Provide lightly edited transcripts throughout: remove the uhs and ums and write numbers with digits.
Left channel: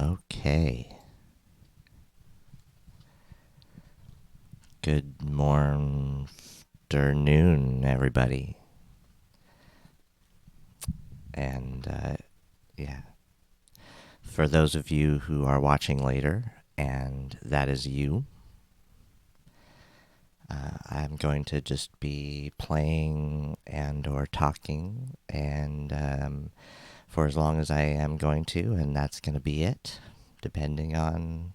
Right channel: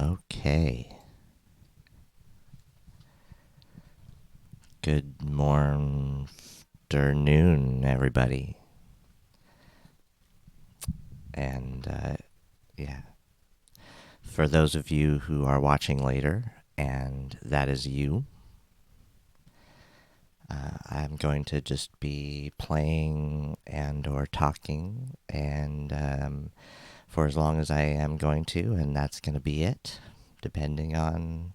Okay. Good morning, afternoon, everybody. And yeah, for those of you who are watching later, and that is you, I'm going to just be playing and or talking, and for as long as I am going to, and that's going to be it, depending on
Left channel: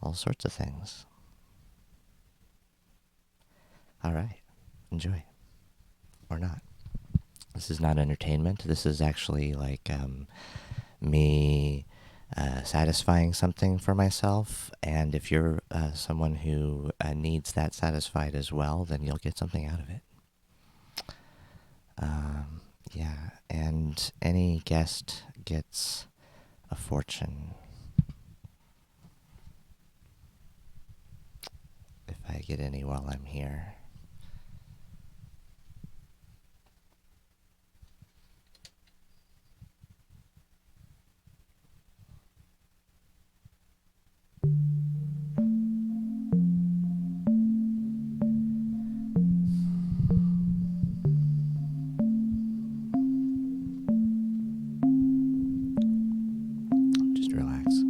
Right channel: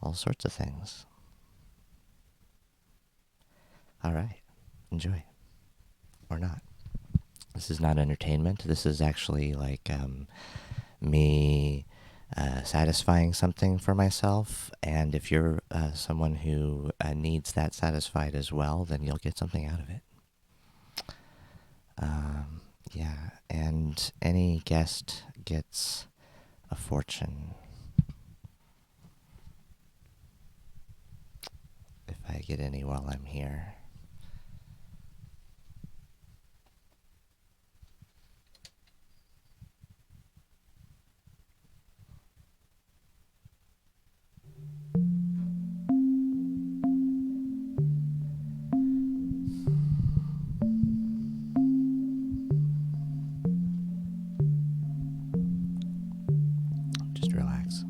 all sorts of things. All right, enjoy or not. This is not entertainment. This is actually like me satisfying something for myself. And if you're someone who needs that satisfied as well, then you'll get something out of it. Yeah, and any guest gets a fortune if I get any while I'm here. Just relax.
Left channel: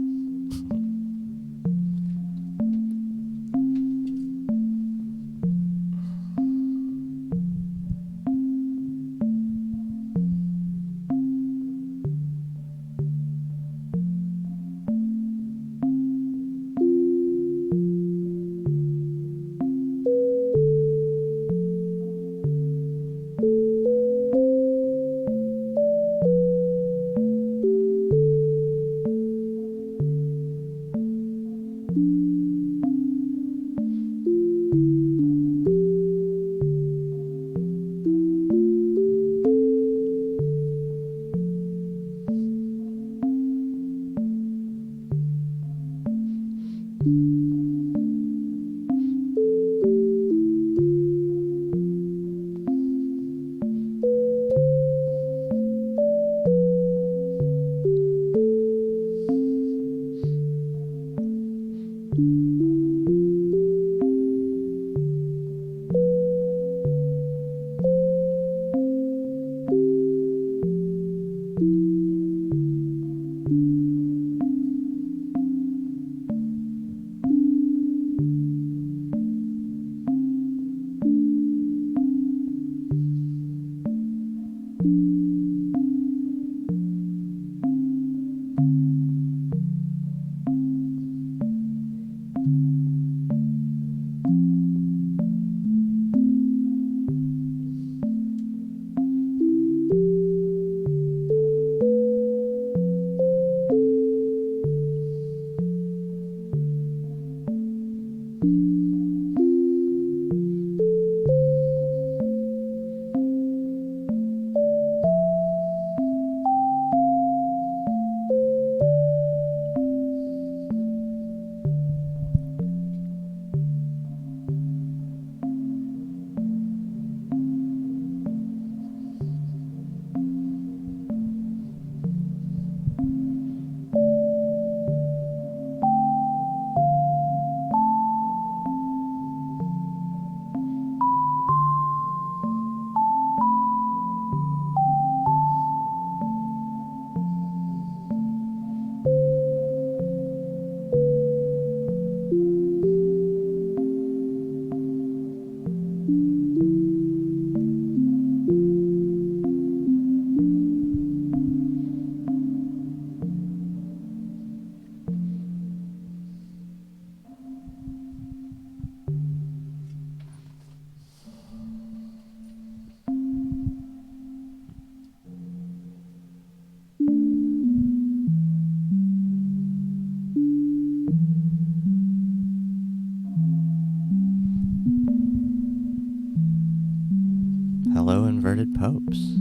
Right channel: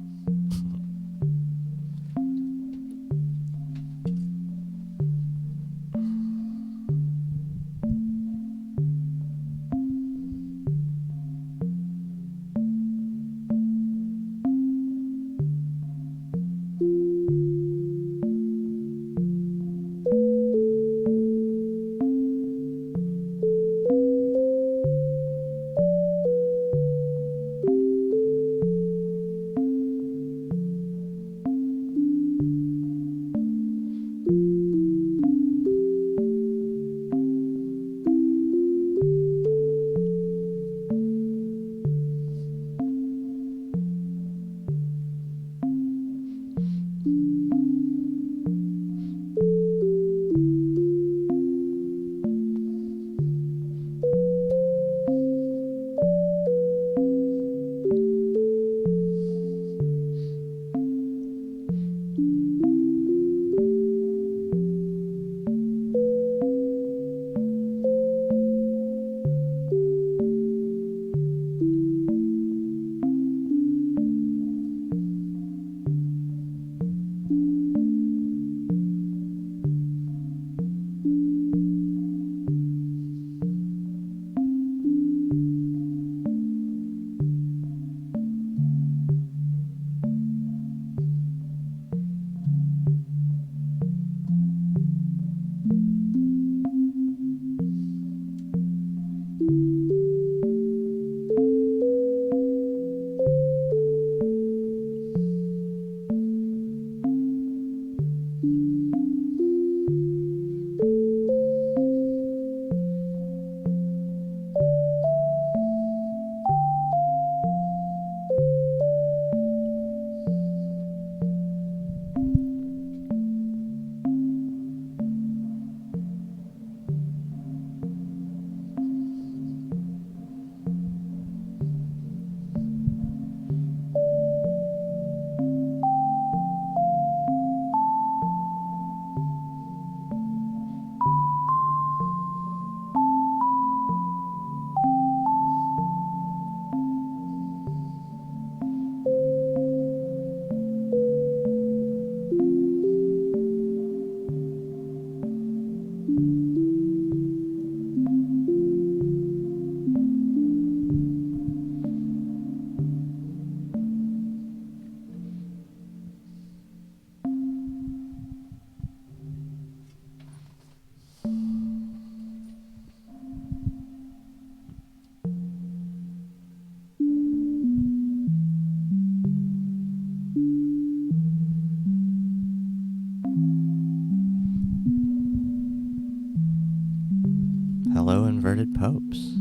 Hello, inverted popes.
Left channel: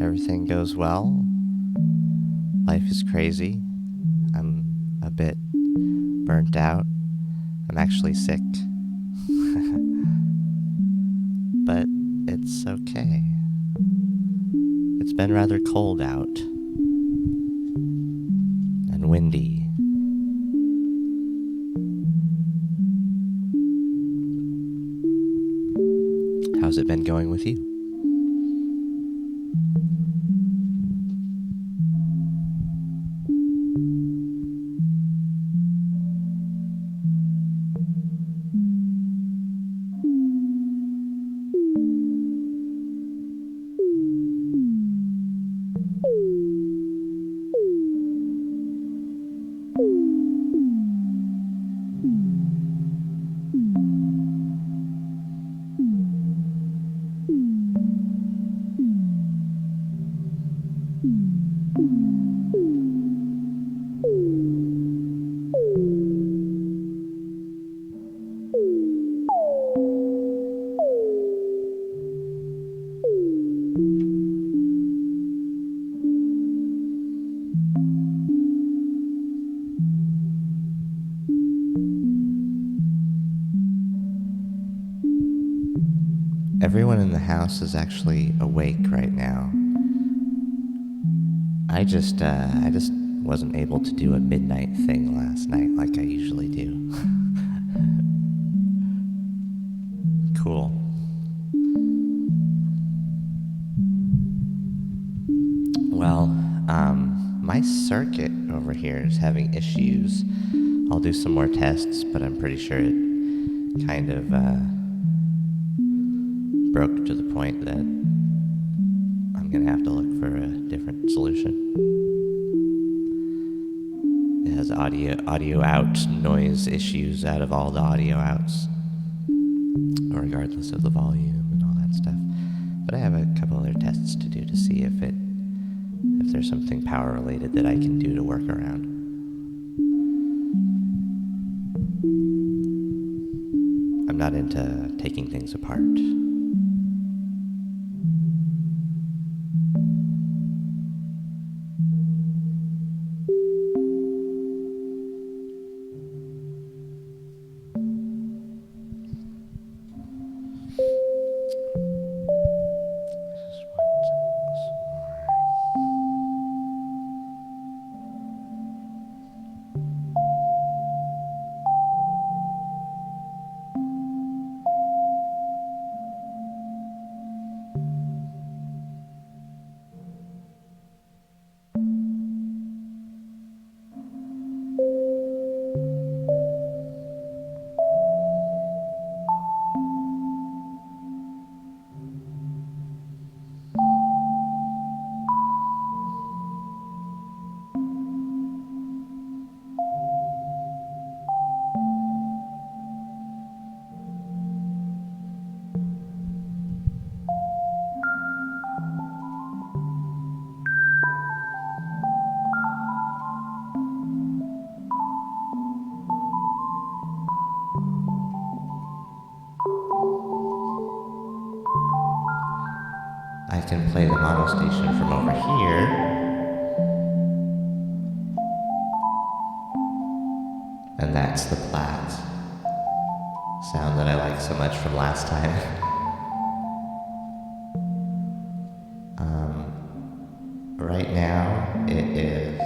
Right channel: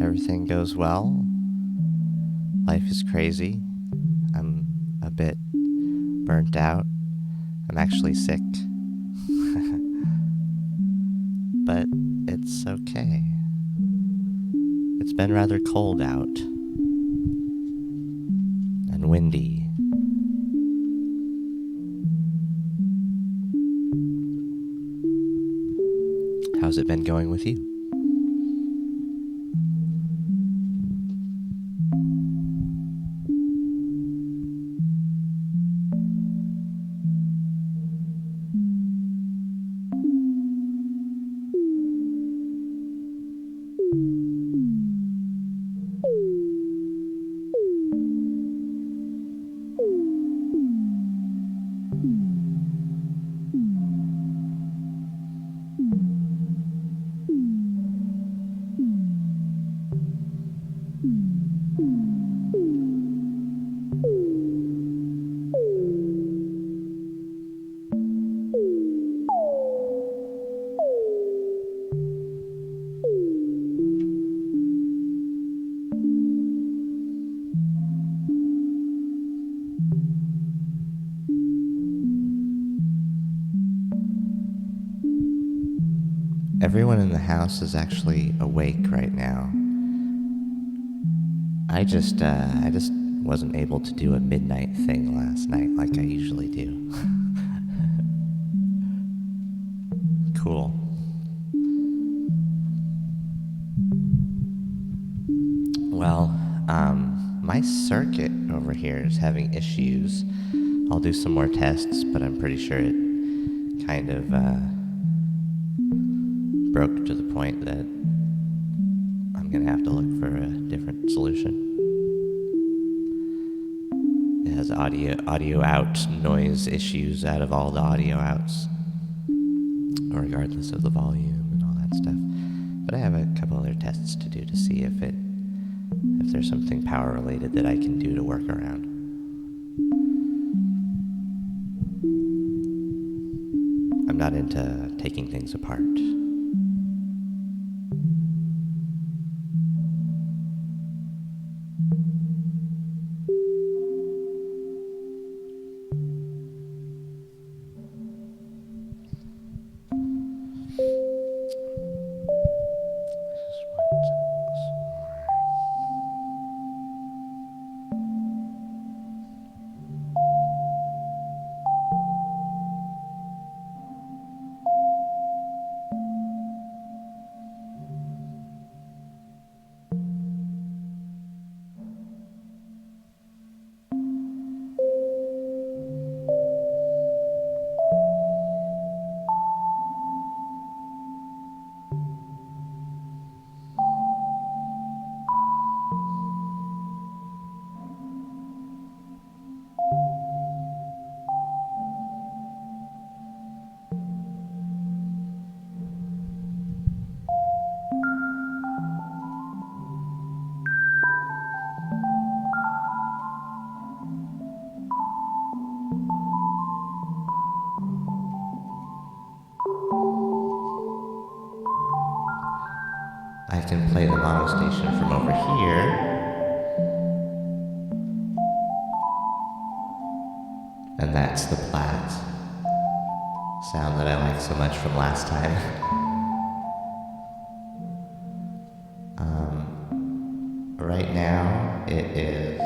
Everything goes well. Life is crazy. I'm a bit burnt out. I'm actually sick. But it's okay. It's been rather cold out. and windy. How's it been going with you? Everyone in the house is actually awake right now. I just wasn't able to do a midnight thing last night like I usually do. Cool. Well, my circuit over here is having issues. I'll do some more tests, but I'm pretty sure it kind of broke to the point that I'm gonna have to look for a different solution. It has audio out noise issues out of all the audio outs, regardless of the volume and all that stuff. But I have a couple other tests to do to see if there's something power related that I can do to work around. I'm not into taking things apart. I can play the mono station from over here. And that's the Platt sound that I like so much from last time. Right now it is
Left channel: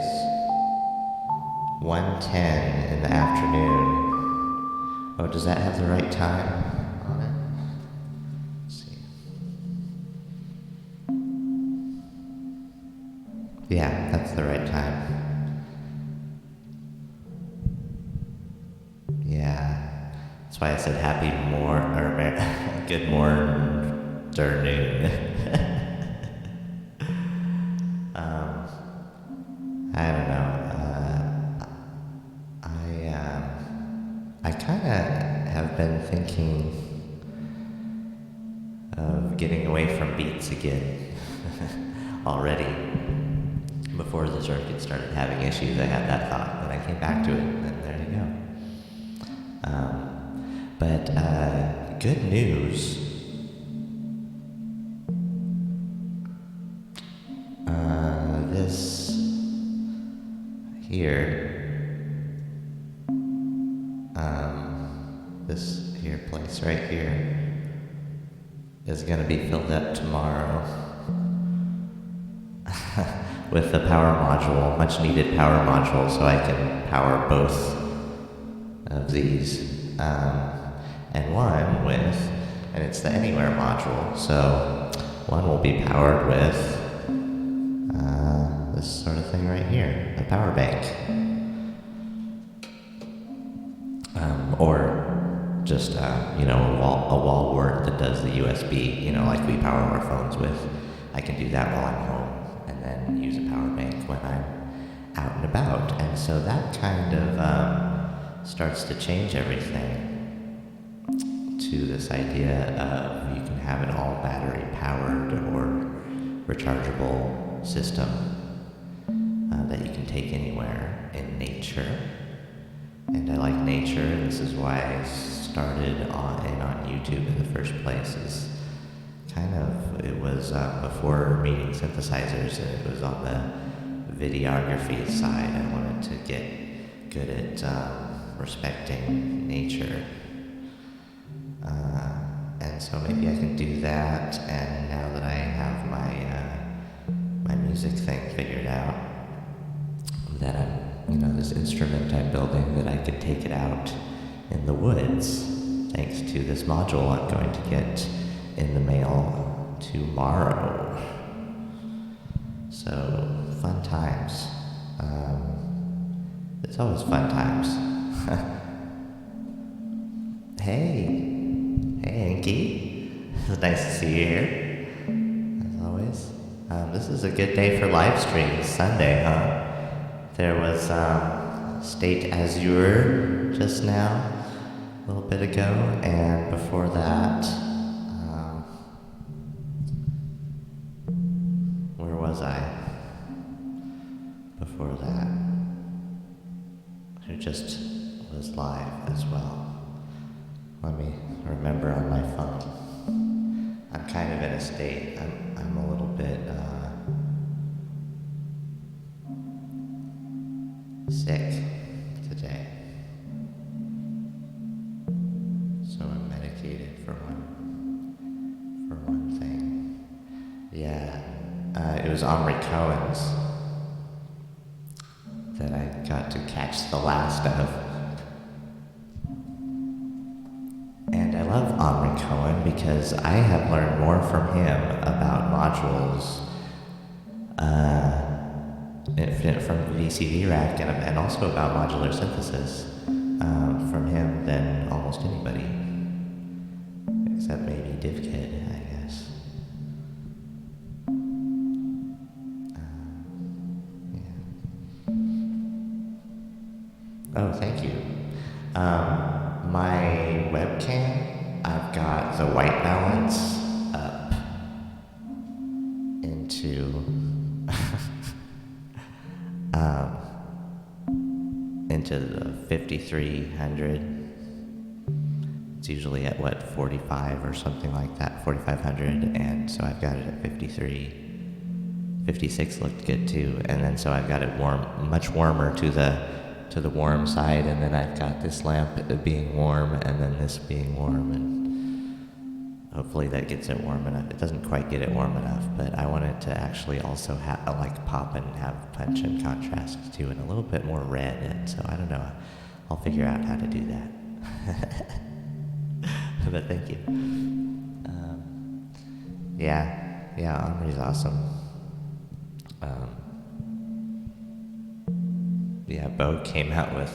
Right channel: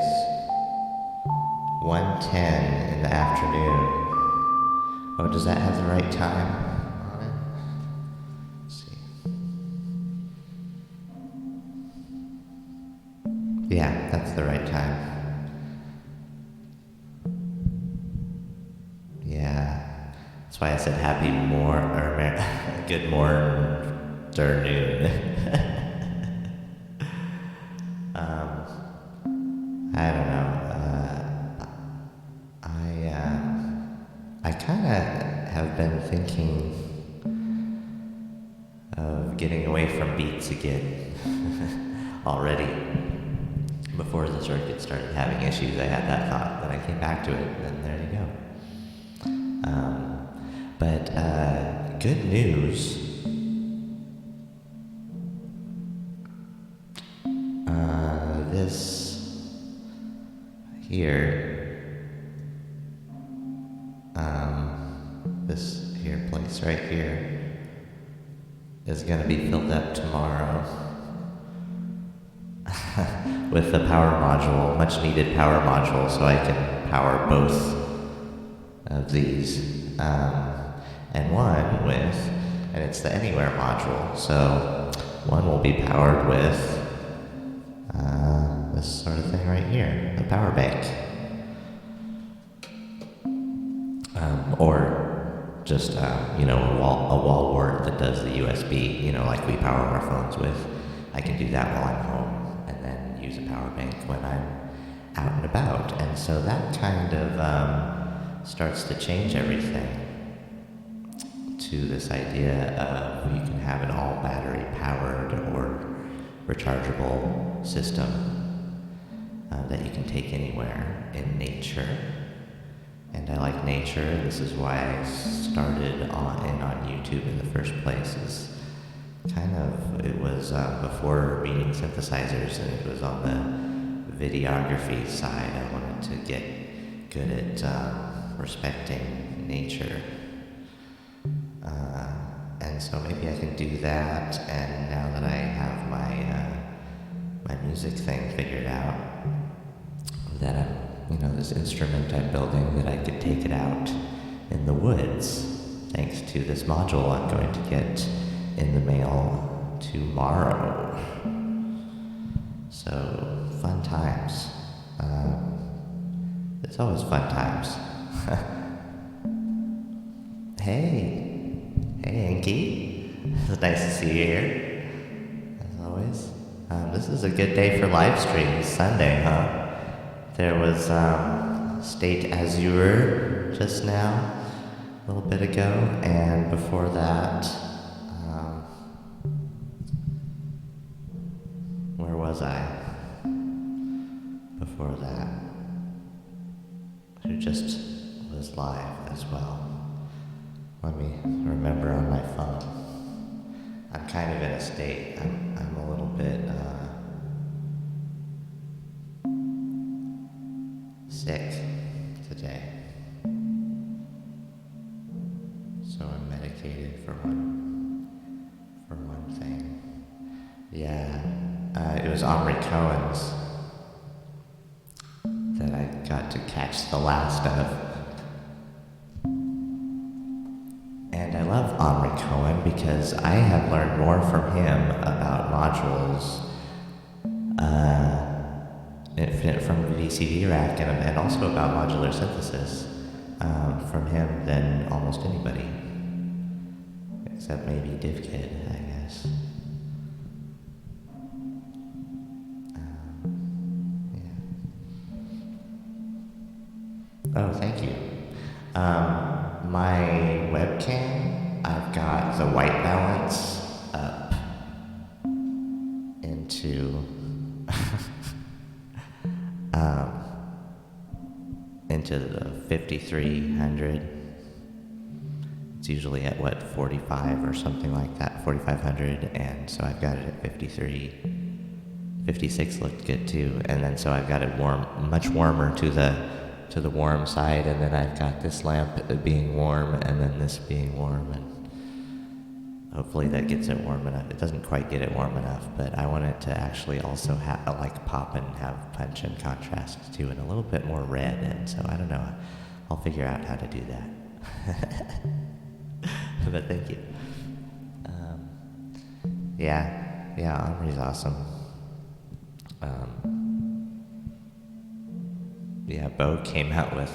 1:10 in the afternoon. Oh, does that have the right time on it? Let's see. Yeah, that's the right time. Yeah, that's why I said good morning, afternoon. I don't know. I kind of have been thinking of getting away from beats again already. Before the circuit started having issues, I had that thought, then I came back to it, and then there you go. But good news. This here, this here place right here is gonna be filled up tomorrow with a power module, much needed power module, so I can power both of these. And one with, and it's the Anywhere module, so one will be powered with this sort of thing right here, a power bank. Or just, a wall wart that does the USB, like we power our phones with. I can do that while I'm home, and then use a power bank when I'm out and about. And so that kind of starts to change everything to this idea of you can have an all battery powered or rechargeable system that you can take anywhere in nature. And I like nature, and this is why I started on YouTube in the first place. Is it was before meeting synthesizers, and it was on the videography side. I wanted to get good at respecting nature. And so maybe I can do that, and now that I have my music thing figured out, that I'm, this instrument I'm building, that I could take it out in the woods, thanks to this module I'm going to get in the mail tomorrow. So, fun times. It's always fun times. Hey, Inky. It's nice to see you here, as always. This is a good day for live streams. Sunday, huh? There was State Azure just now, a little bit ago, and before that, where was I? Before that, who just was live as well. Let me remember on my phone. I'm kind of in a state. I'm a little bit sick today, so I'm medicated for one thing. Yeah, it was Omri Cohen's that I got to catch the last of. And I love Omri Cohen because I have learned more from him about modules from VCV Rack and also about modular synthesis from him than almost anybody, except maybe DivKid, I guess. Yeah. Oh, thank you. My webcam, I've got the white balance up into into the 5300. It's usually at 45 or something like that, 4500, and so I've got it at 53. 56 looked good too, and then so I've got it much warmer to the warm side, and then I've got this lamp being warm, and then this being warm, and hopefully that gets it warm enough. It doesn't quite get it warm enough, but I want it to actually also pop and have punch and contrast too, and a little bit more red, and so I don't know. I'll figure out how to do that. But thank you. Yeah, Omri's awesome. Yeah, Bo came out with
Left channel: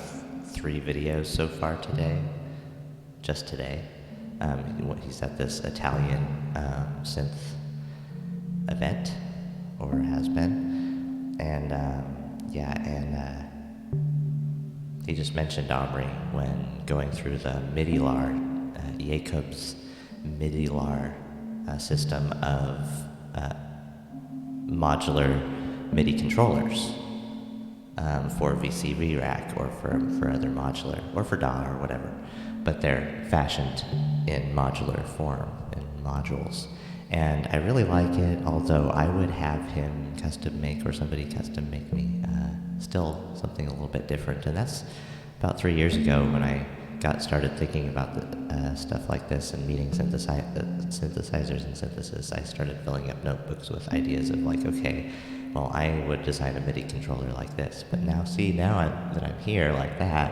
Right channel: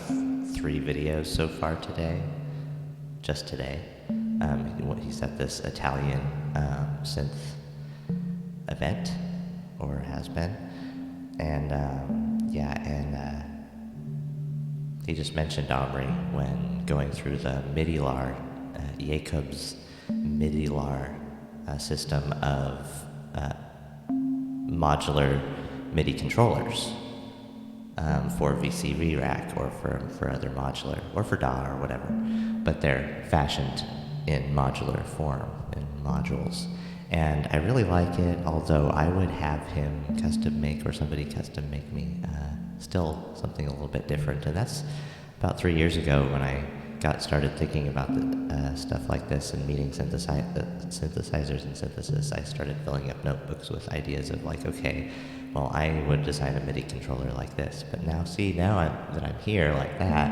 3 videos so far today, just today. He's at this Italian synth event, or has been, and he just mentioned Omri when going through the MIDI-lar, Jacob's MIDI-lar system of modular MIDI controllers for VCV Rack or for other modular, or for DAW or whatever, but they're fashioned in modular form, in modules. And I really like it, although I would have him custom make, or somebody custom make me, still something a little bit different. And that's about 3 years ago when I got started thinking about stuff like this and meeting synthesizers and synthesis, I started filling up notebooks with ideas of like, okay, well, I would design a MIDI controller like this. But now, that I'm here like that,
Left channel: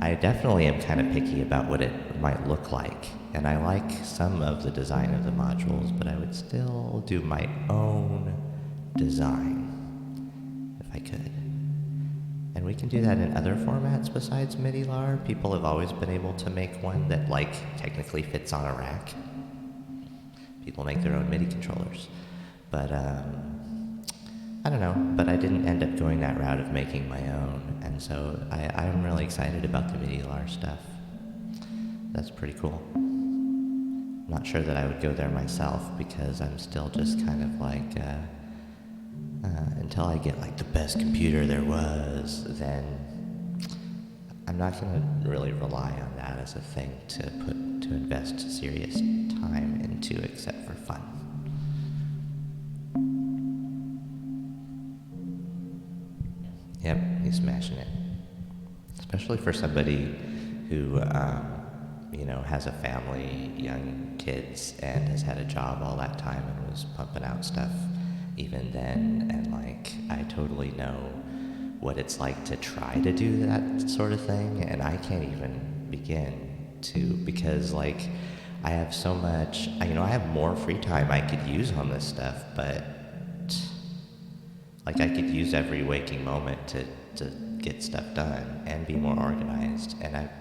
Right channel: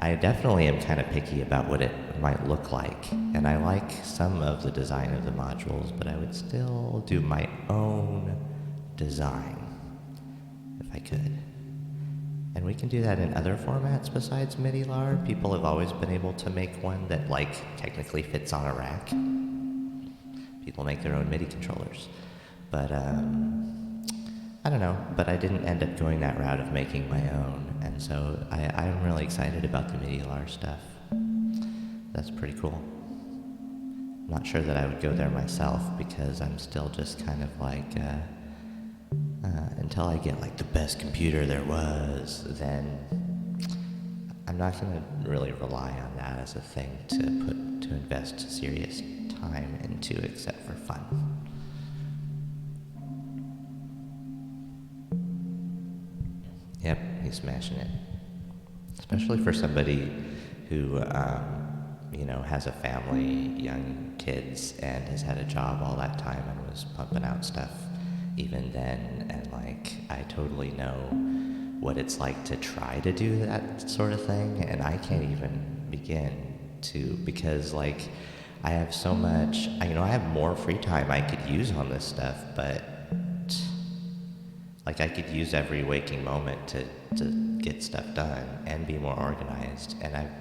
I definitely am kind of picky about what it might look like. And I like some of the design of the modules, but I would still do my own design if I could. And we can do that in other formats besides MIDI-LAR. People have always been able to make one that, like, technically fits on a rack. People make their own MIDI controllers. But, I don't know, but I didn't end up going that route of making my own. And so I'm really excited about the MIDI-LAR stuff. That's pretty cool. I'm not sure that I would go there myself because I'm still just kind of like, until I get like the best computer there was, then I'm not going to really rely on that as a thing to invest serious time into except for fun. Yep, he's smashing it. Especially for somebody who, has a family, young kids, and has had a job all that time and was pumping out stuff even then. And like, I totally know what it's like to try to do that sort of thing, and I can't even begin to, because like, I have so much, I have more free time I could use on this stuff, but like I could use every waking moment to get stuff done and be more organized. And I've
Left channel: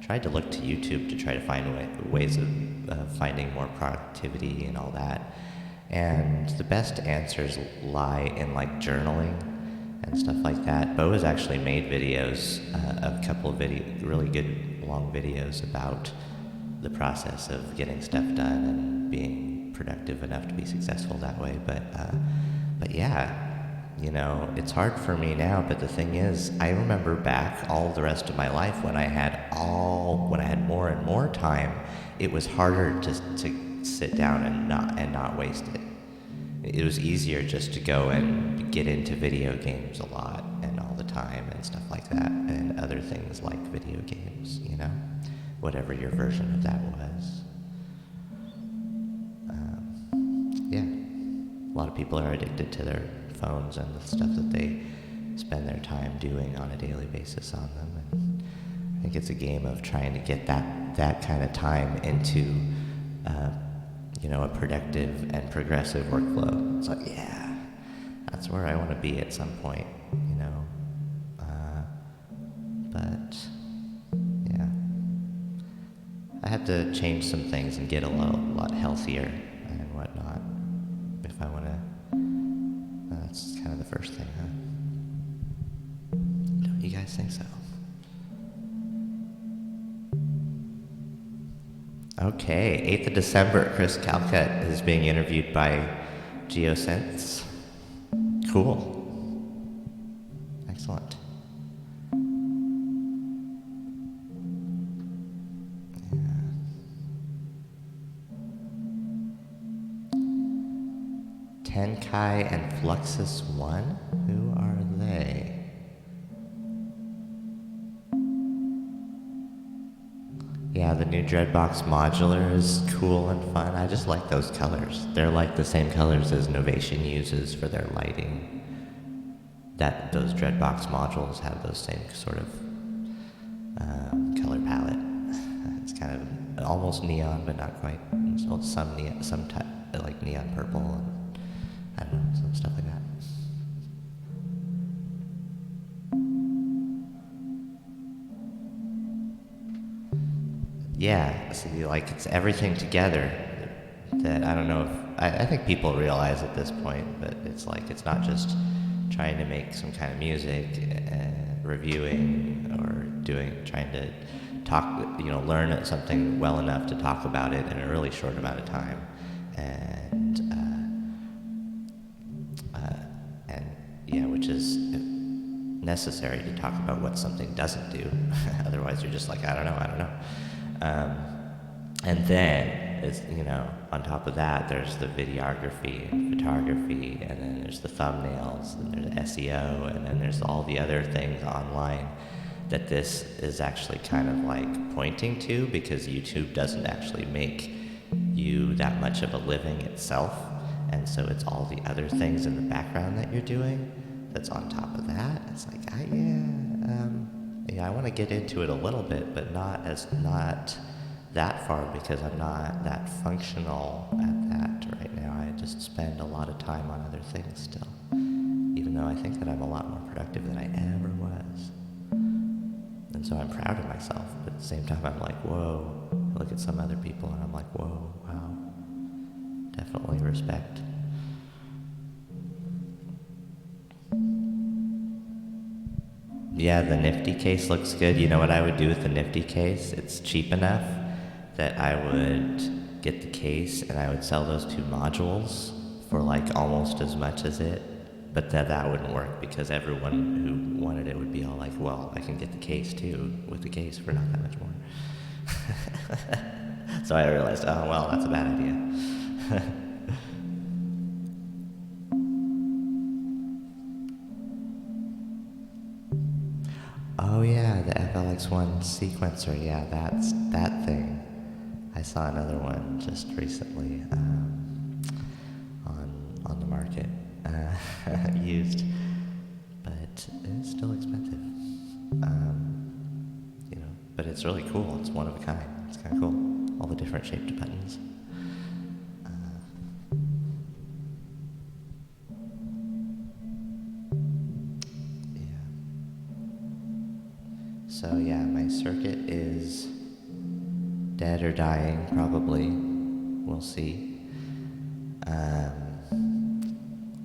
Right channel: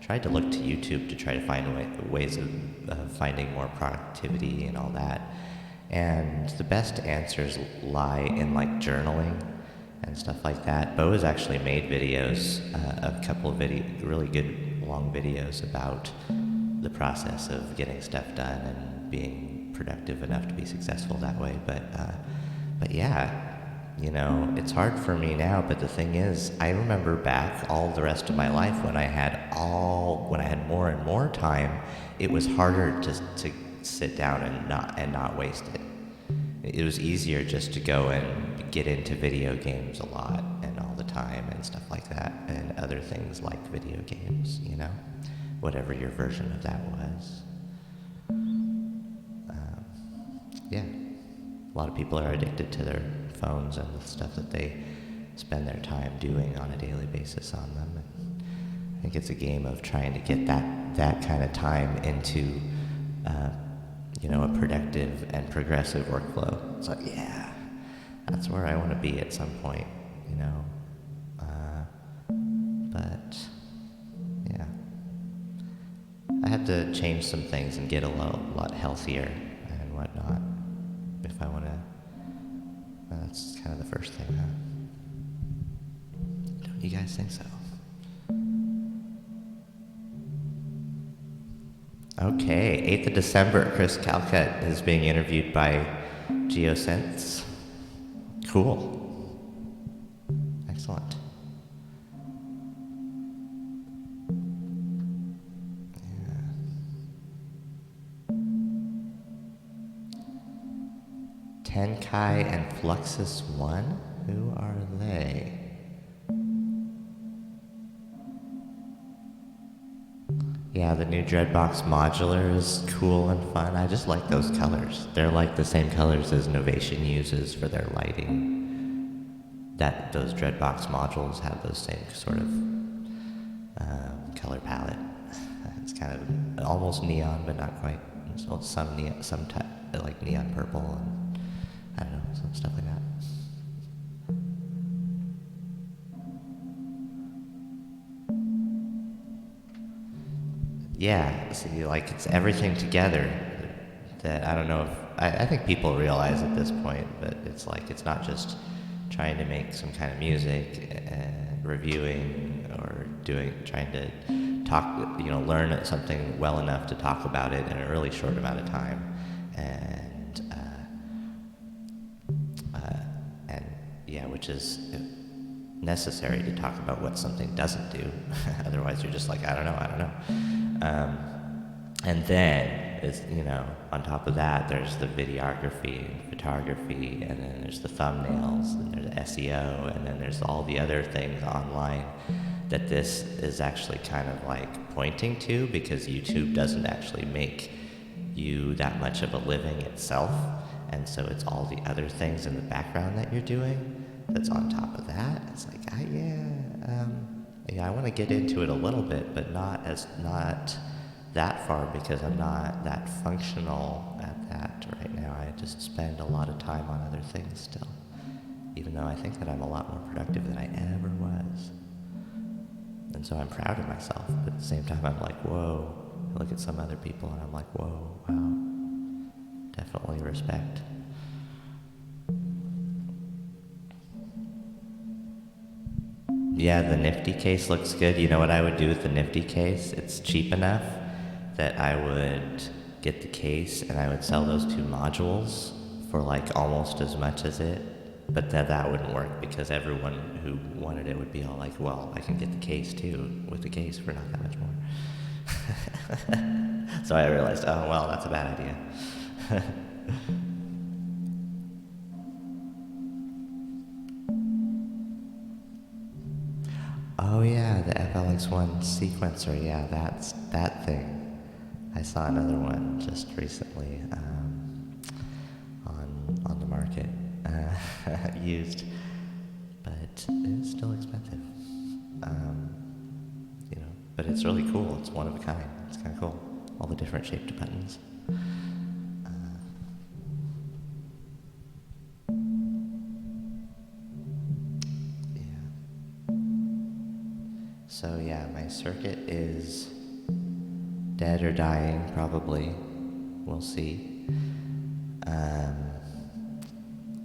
tried to look to YouTube to try to find ways of finding more productivity and all that. And the best answers lie in like journaling and stuff like that. Bo has actually made videos, a couple of really good long videos about the process of getting stuff done and being productive enough to be successful that way. But yeah, it's hard for me now, but the thing is, I remember back all the rest of my life when I had more and more time, it was harder to sit down and not waste it. It was easier just to go and get into video games a lot and all the time and stuff like that, and other things like video games, whatever your version of that was. Yeah. A lot of people are addicted to their phones and the stuff that they spend their time doing on a daily basis on them, and I think it's a game of trying to get that kind of time into a productive and progressive workflow. It's like, yeah, that's where I want to be at some point, but yeah, I have to change some things and get a lot healthier and whatnot if I want to. That's kind of the first thing, huh? Don't you guys think so? Okay, 8th of December, Chris Calcutt is being interviewed by Geosynths. Cool. Excellent. Yeah. Tenkai and Fluxus One? Who are they? Yeah, the new Dreadbox modular is cool and fun. I just like those colors. They're like the same colors as Novation uses for their lighting. Those Dreadbox modules have those same sort of color palette. It's kind of almost neon, but not quite. So some type like neon purple and I don't know, some stuff like that. Yeah, see, like it's everything together that I don't know if, I think people realize at this point, but it's like, it's not just trying to make some kind of music, reviewing or trying to talk, learn something well enough to talk about it in a really short amount of time. And yeah, which is necessary to talk about what something doesn't do. Otherwise you're just like, I don't know. And then, it's, on top of that, there's the videography and photography, and then there's the thumbnails, and there's SEO, and then there's all the other things online that this is actually kind of like pointing to, because YouTube doesn't actually make you that much of a living itself, and so it's all the other things in the background that you're doing that's on top of that. It's like, I want to get into it a little bit, but not that far, because I'm not that functional at that right now. I just spend a lot of time on other things still, even though I think that I'm a lot more productive than I ever was. And so I'm proud of myself, but at the same time I'm like, whoa. I look at some other people and I'm like, whoa, wow. Definitely respect. Yeah, the Nifty case looks good. You know what I would do with the Nifty case? It's cheap enough that I would get the case and I would sell those two modules for like almost as much as it. But that wouldn't work, because everyone who wanted it would be all like, well, I can get the case too, with the case for not that much more. So I realized, oh, well, that's a bad idea. Oh yeah, the FLX1 sequencer, yeah, that's that thing. I saw another one just recently on the market, used, but it's still expensive. But it's really cool. It's one of a kind. It's kind of cool. All the different shaped buttons. So yeah, my circuit is dead or dying, probably. We'll see.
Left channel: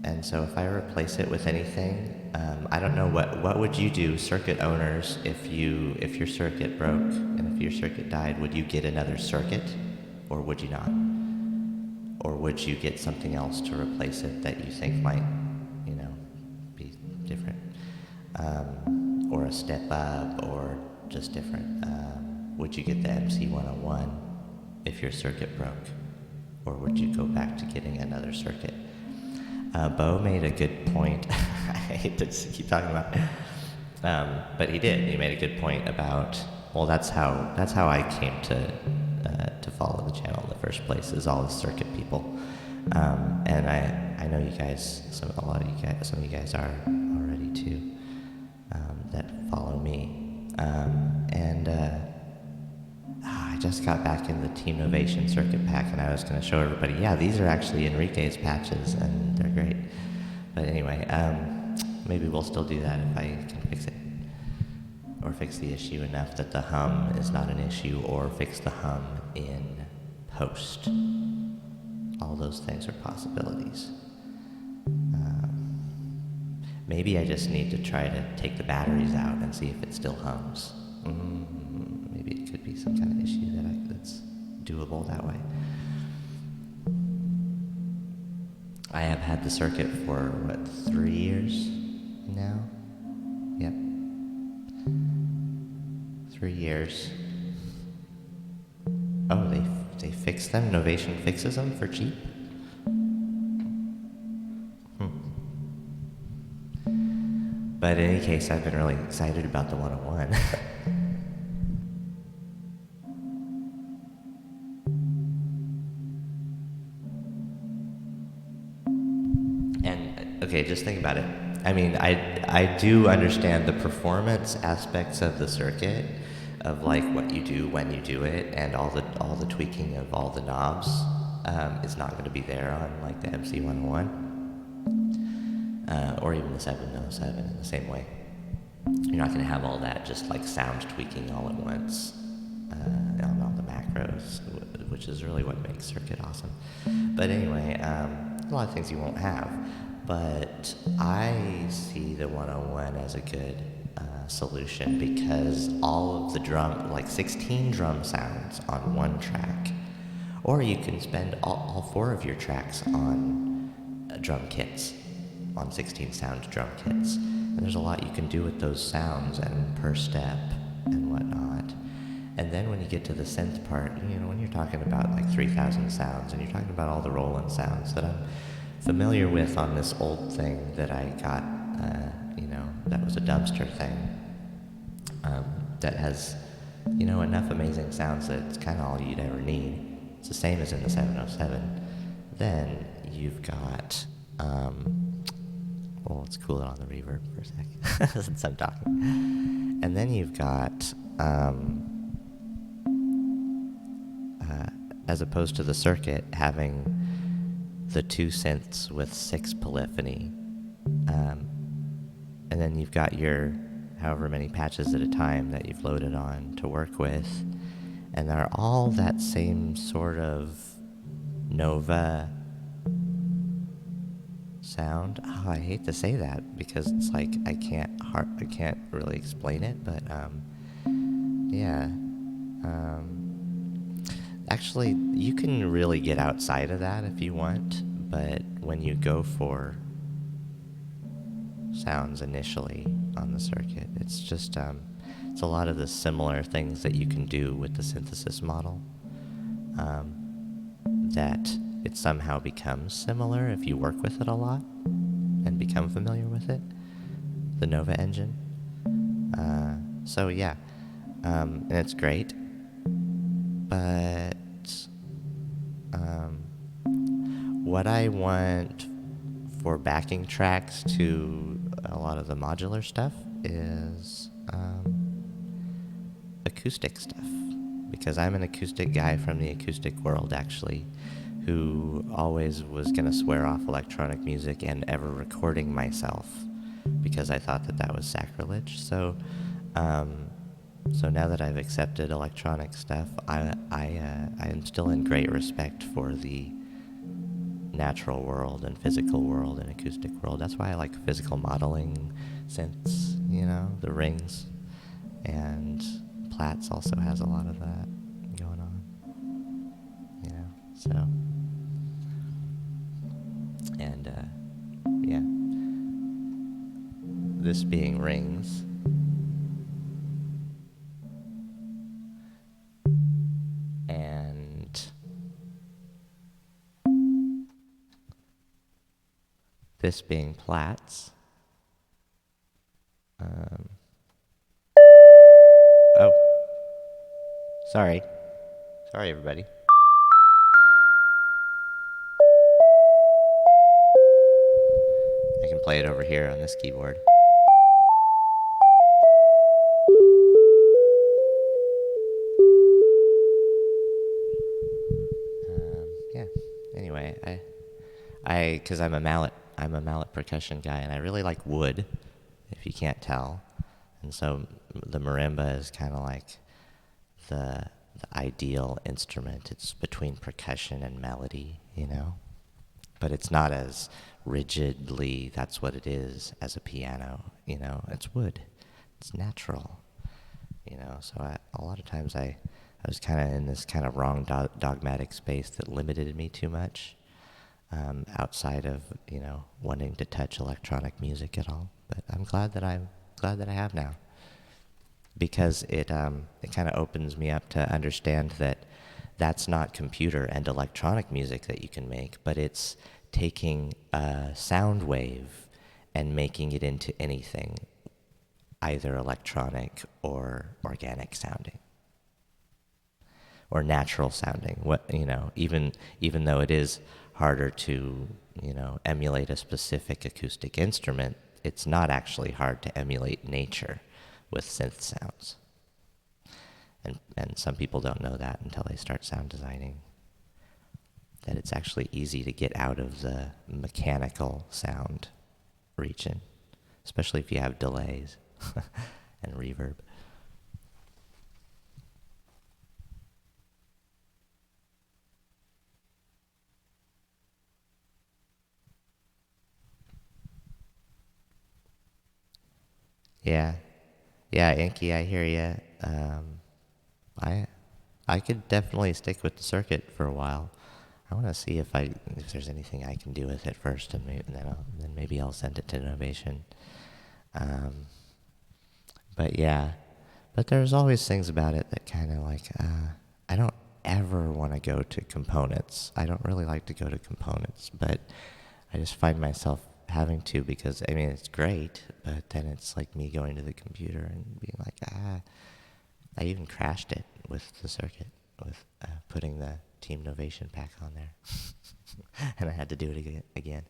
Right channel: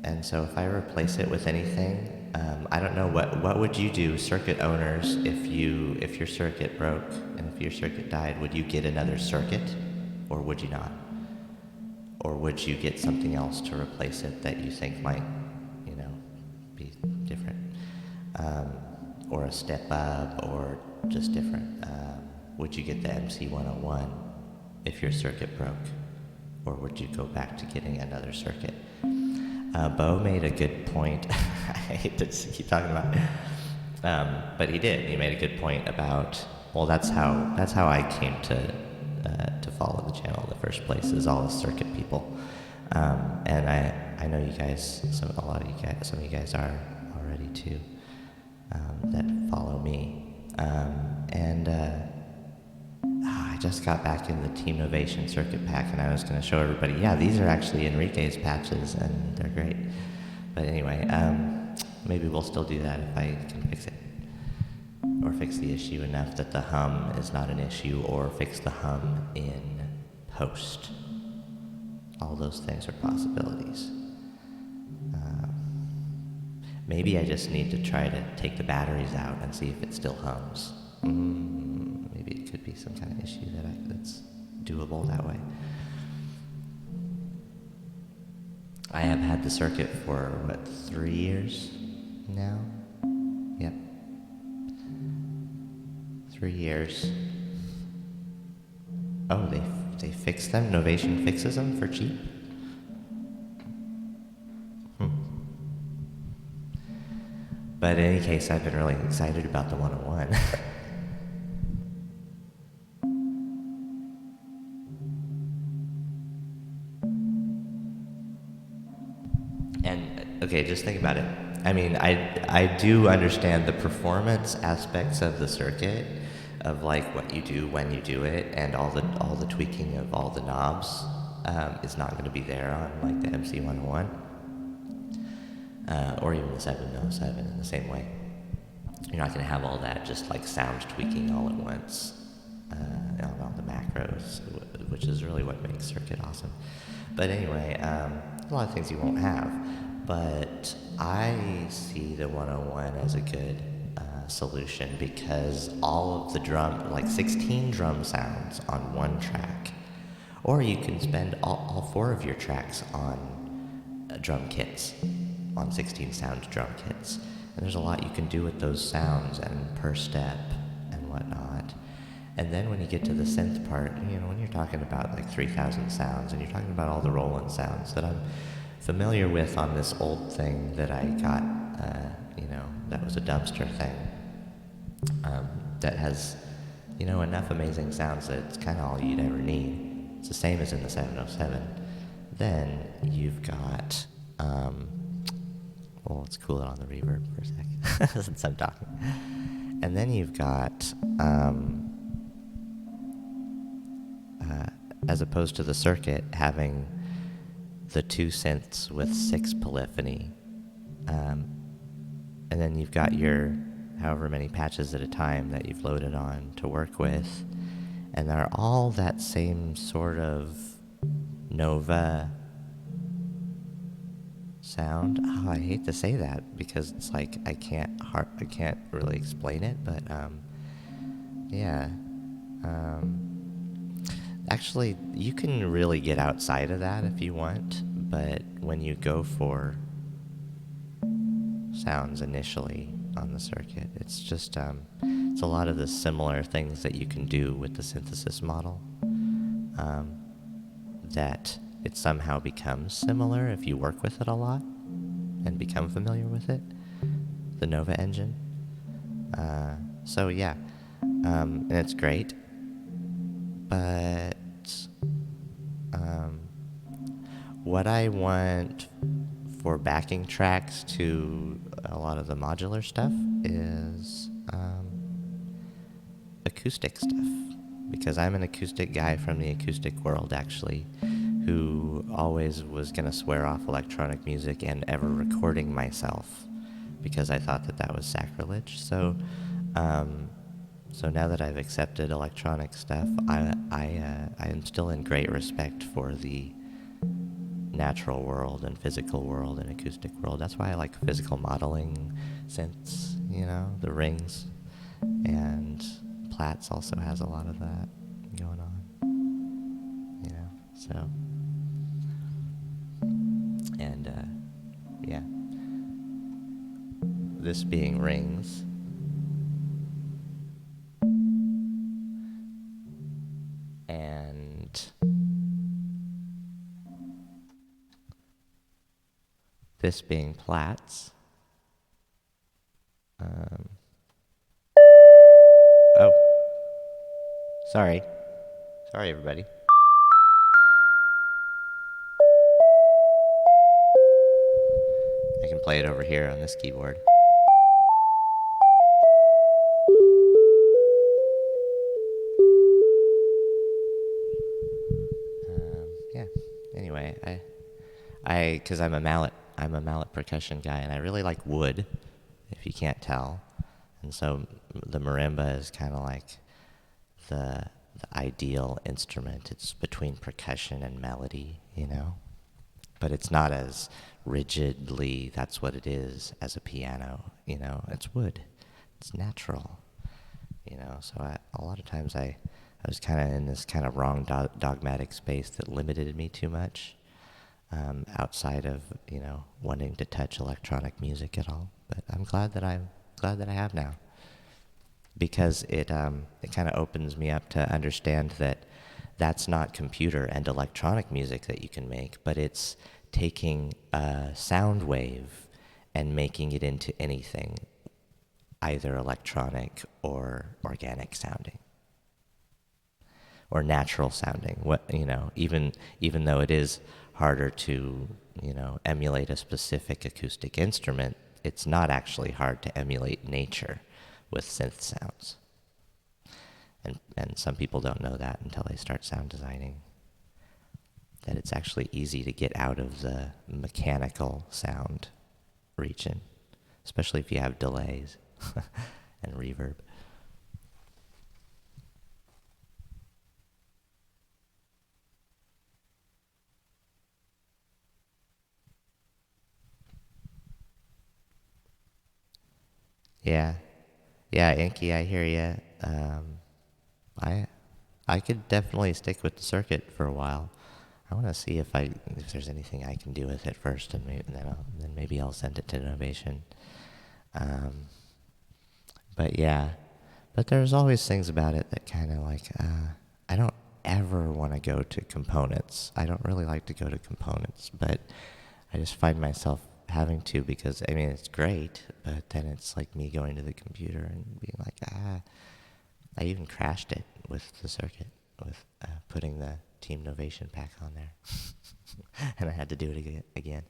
And so if I replace it with anything, I don't know, what would you do, circuit owners, if your circuit broke and if your circuit died? Would you get another circuit, or would you not? Or would you get something else to replace it that you think might, be different? Or a step up, or just different? Would you get the MC101 if your circuit broke? Or would you go back to getting another circuit? Bo made a good point. I hate to keep talking about it. But he did. He made a good point about, well, that's how I came to follow the channel in the first place, is all the circuit people. And I know you guys, some of you guys are already too, that follow me. I just got back in the Team Novation circuit pack, and I was going to show everybody, yeah, these are actually Enrique's patches, and they're great. But anyway, maybe we'll still do that if I can fix it. Or fix the issue enough that the hum is not an issue, or fix the hum in post. All those things are possibilities. Maybe I just need to try to take the batteries out and see if it still hums. Maybe it could be some kind of issue that's doable that way. I have had the circuit for, 3 years now? Yep. 3 years. Oh, they fix them? Novation fixes them for cheap? But in any case, I've been really excited about the 101. Okay, just think about it. I mean, I do understand the performance aspects of the circuit, of like what you do when you do it, and all the tweaking of all the knobs is not going to be there on like the MC101, or even the 707 in the same way. You're not going to have all that just like sound tweaking all at once on all the macros, which is really what makes circuit awesome. But anyway, a lot of things you won't have. But I see the 101 as a good solution, because all of the drum, like 16 drum sounds on one track, or you can spend all 4 of your tracks on drum kits, on 16 sound drum kits. And there's a lot you can do with those sounds and per step and whatnot. And then when you get to the synth part, when you're talking about like 3,000 sounds, and you're talking about all the Roland sounds that I'm familiar with on this old thing that I got, that was a dumpster thing. that has, enough amazing sounds that it's kind of all you'd ever need. It's the same as in the 707. Then you've got, well, let's cool it on the reverb for a sec since I'm talking. And then you've got, as opposed to the circuit, having the two synths with 6 polyphony. And then you've got your however many patches at a time that you've loaded on to work with. And they're all that same sort of Nova sound. Oh, I hate to say that because it's like I can't really explain it, but yeah. Actually, you can really get outside of that if you want, but when you go for sounds initially on the circuit, it's just it's a lot of the similar things that you can do with the synthesis model, that it somehow becomes similar if you work with it a lot and become familiar with it, the Nova engine. So yeah, and it's great, but what I want for backing tracks to a lot of the modular stuff is acoustic stuff, because I'm an acoustic guy from the acoustic world, actually, who always was going to swear off electronic music and ever recording myself because I thought that that was sacrilege. So now that I've accepted electronic stuff, I am still in great respect for the natural world and physical world and acoustic world. That's why I like physical modeling synths, the rings, and Platts also has a lot of that going on, so, and yeah, this being rings, and this being Platts. Oh, sorry everybody. I can play it over here on this keyboard. Yeah. Anyway, because I'm a mallet percussion guy, and I really like wood, if you can't tell, and so the marimba is kind of like the ideal instrument. It's between percussion and melody, but it's not as rigidly that's what it is as a piano. It's wood, it's natural. So a lot of times I was kind of in this kind of wrong dogmatic space that limited me too much, outside of wanting to touch electronic music at all. But I'm glad that I have now, because it kind of opens me up to understand that that's not computer and electronic music that you can make, but it's taking a sound wave and making it into anything, either electronic or organic sounding or natural sounding. Even though it is harder to, emulate a specific acoustic instrument, it's not actually hard to emulate nature with synth sounds. And some people don't know that until they start sound designing, that it's actually easy to get out of the mechanical sound region, especially if you have delays and reverb. Yeah, Inky, I hear you. I could definitely stick with the circuit for a while. I want to see if there's anything I can do with it first, and then maybe I'll send it to Innovation. But yeah, there's always things about it that kind of like, I don't ever want to go to components. I don't really like to go to components, but I just find myself having to, because I mean it's great, but then it's like me going to the computer and being like, I even crashed it with the circuit, with putting the Team Novation pack on there, and I had to do it again.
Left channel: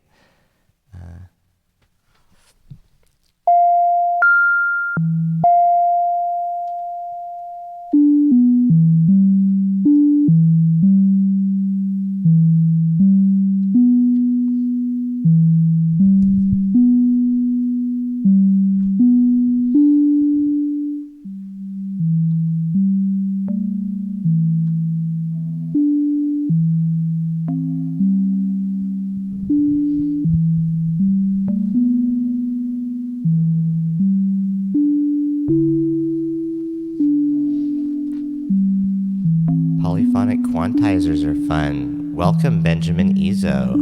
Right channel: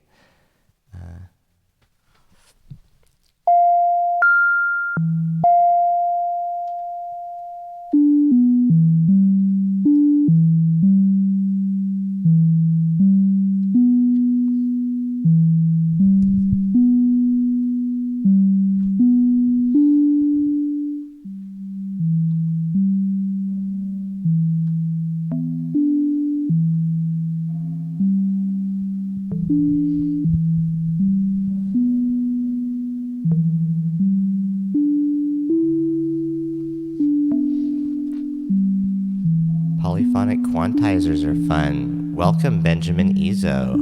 Polyphonic quantizers are fun. Welcome, Benjamin Ezo,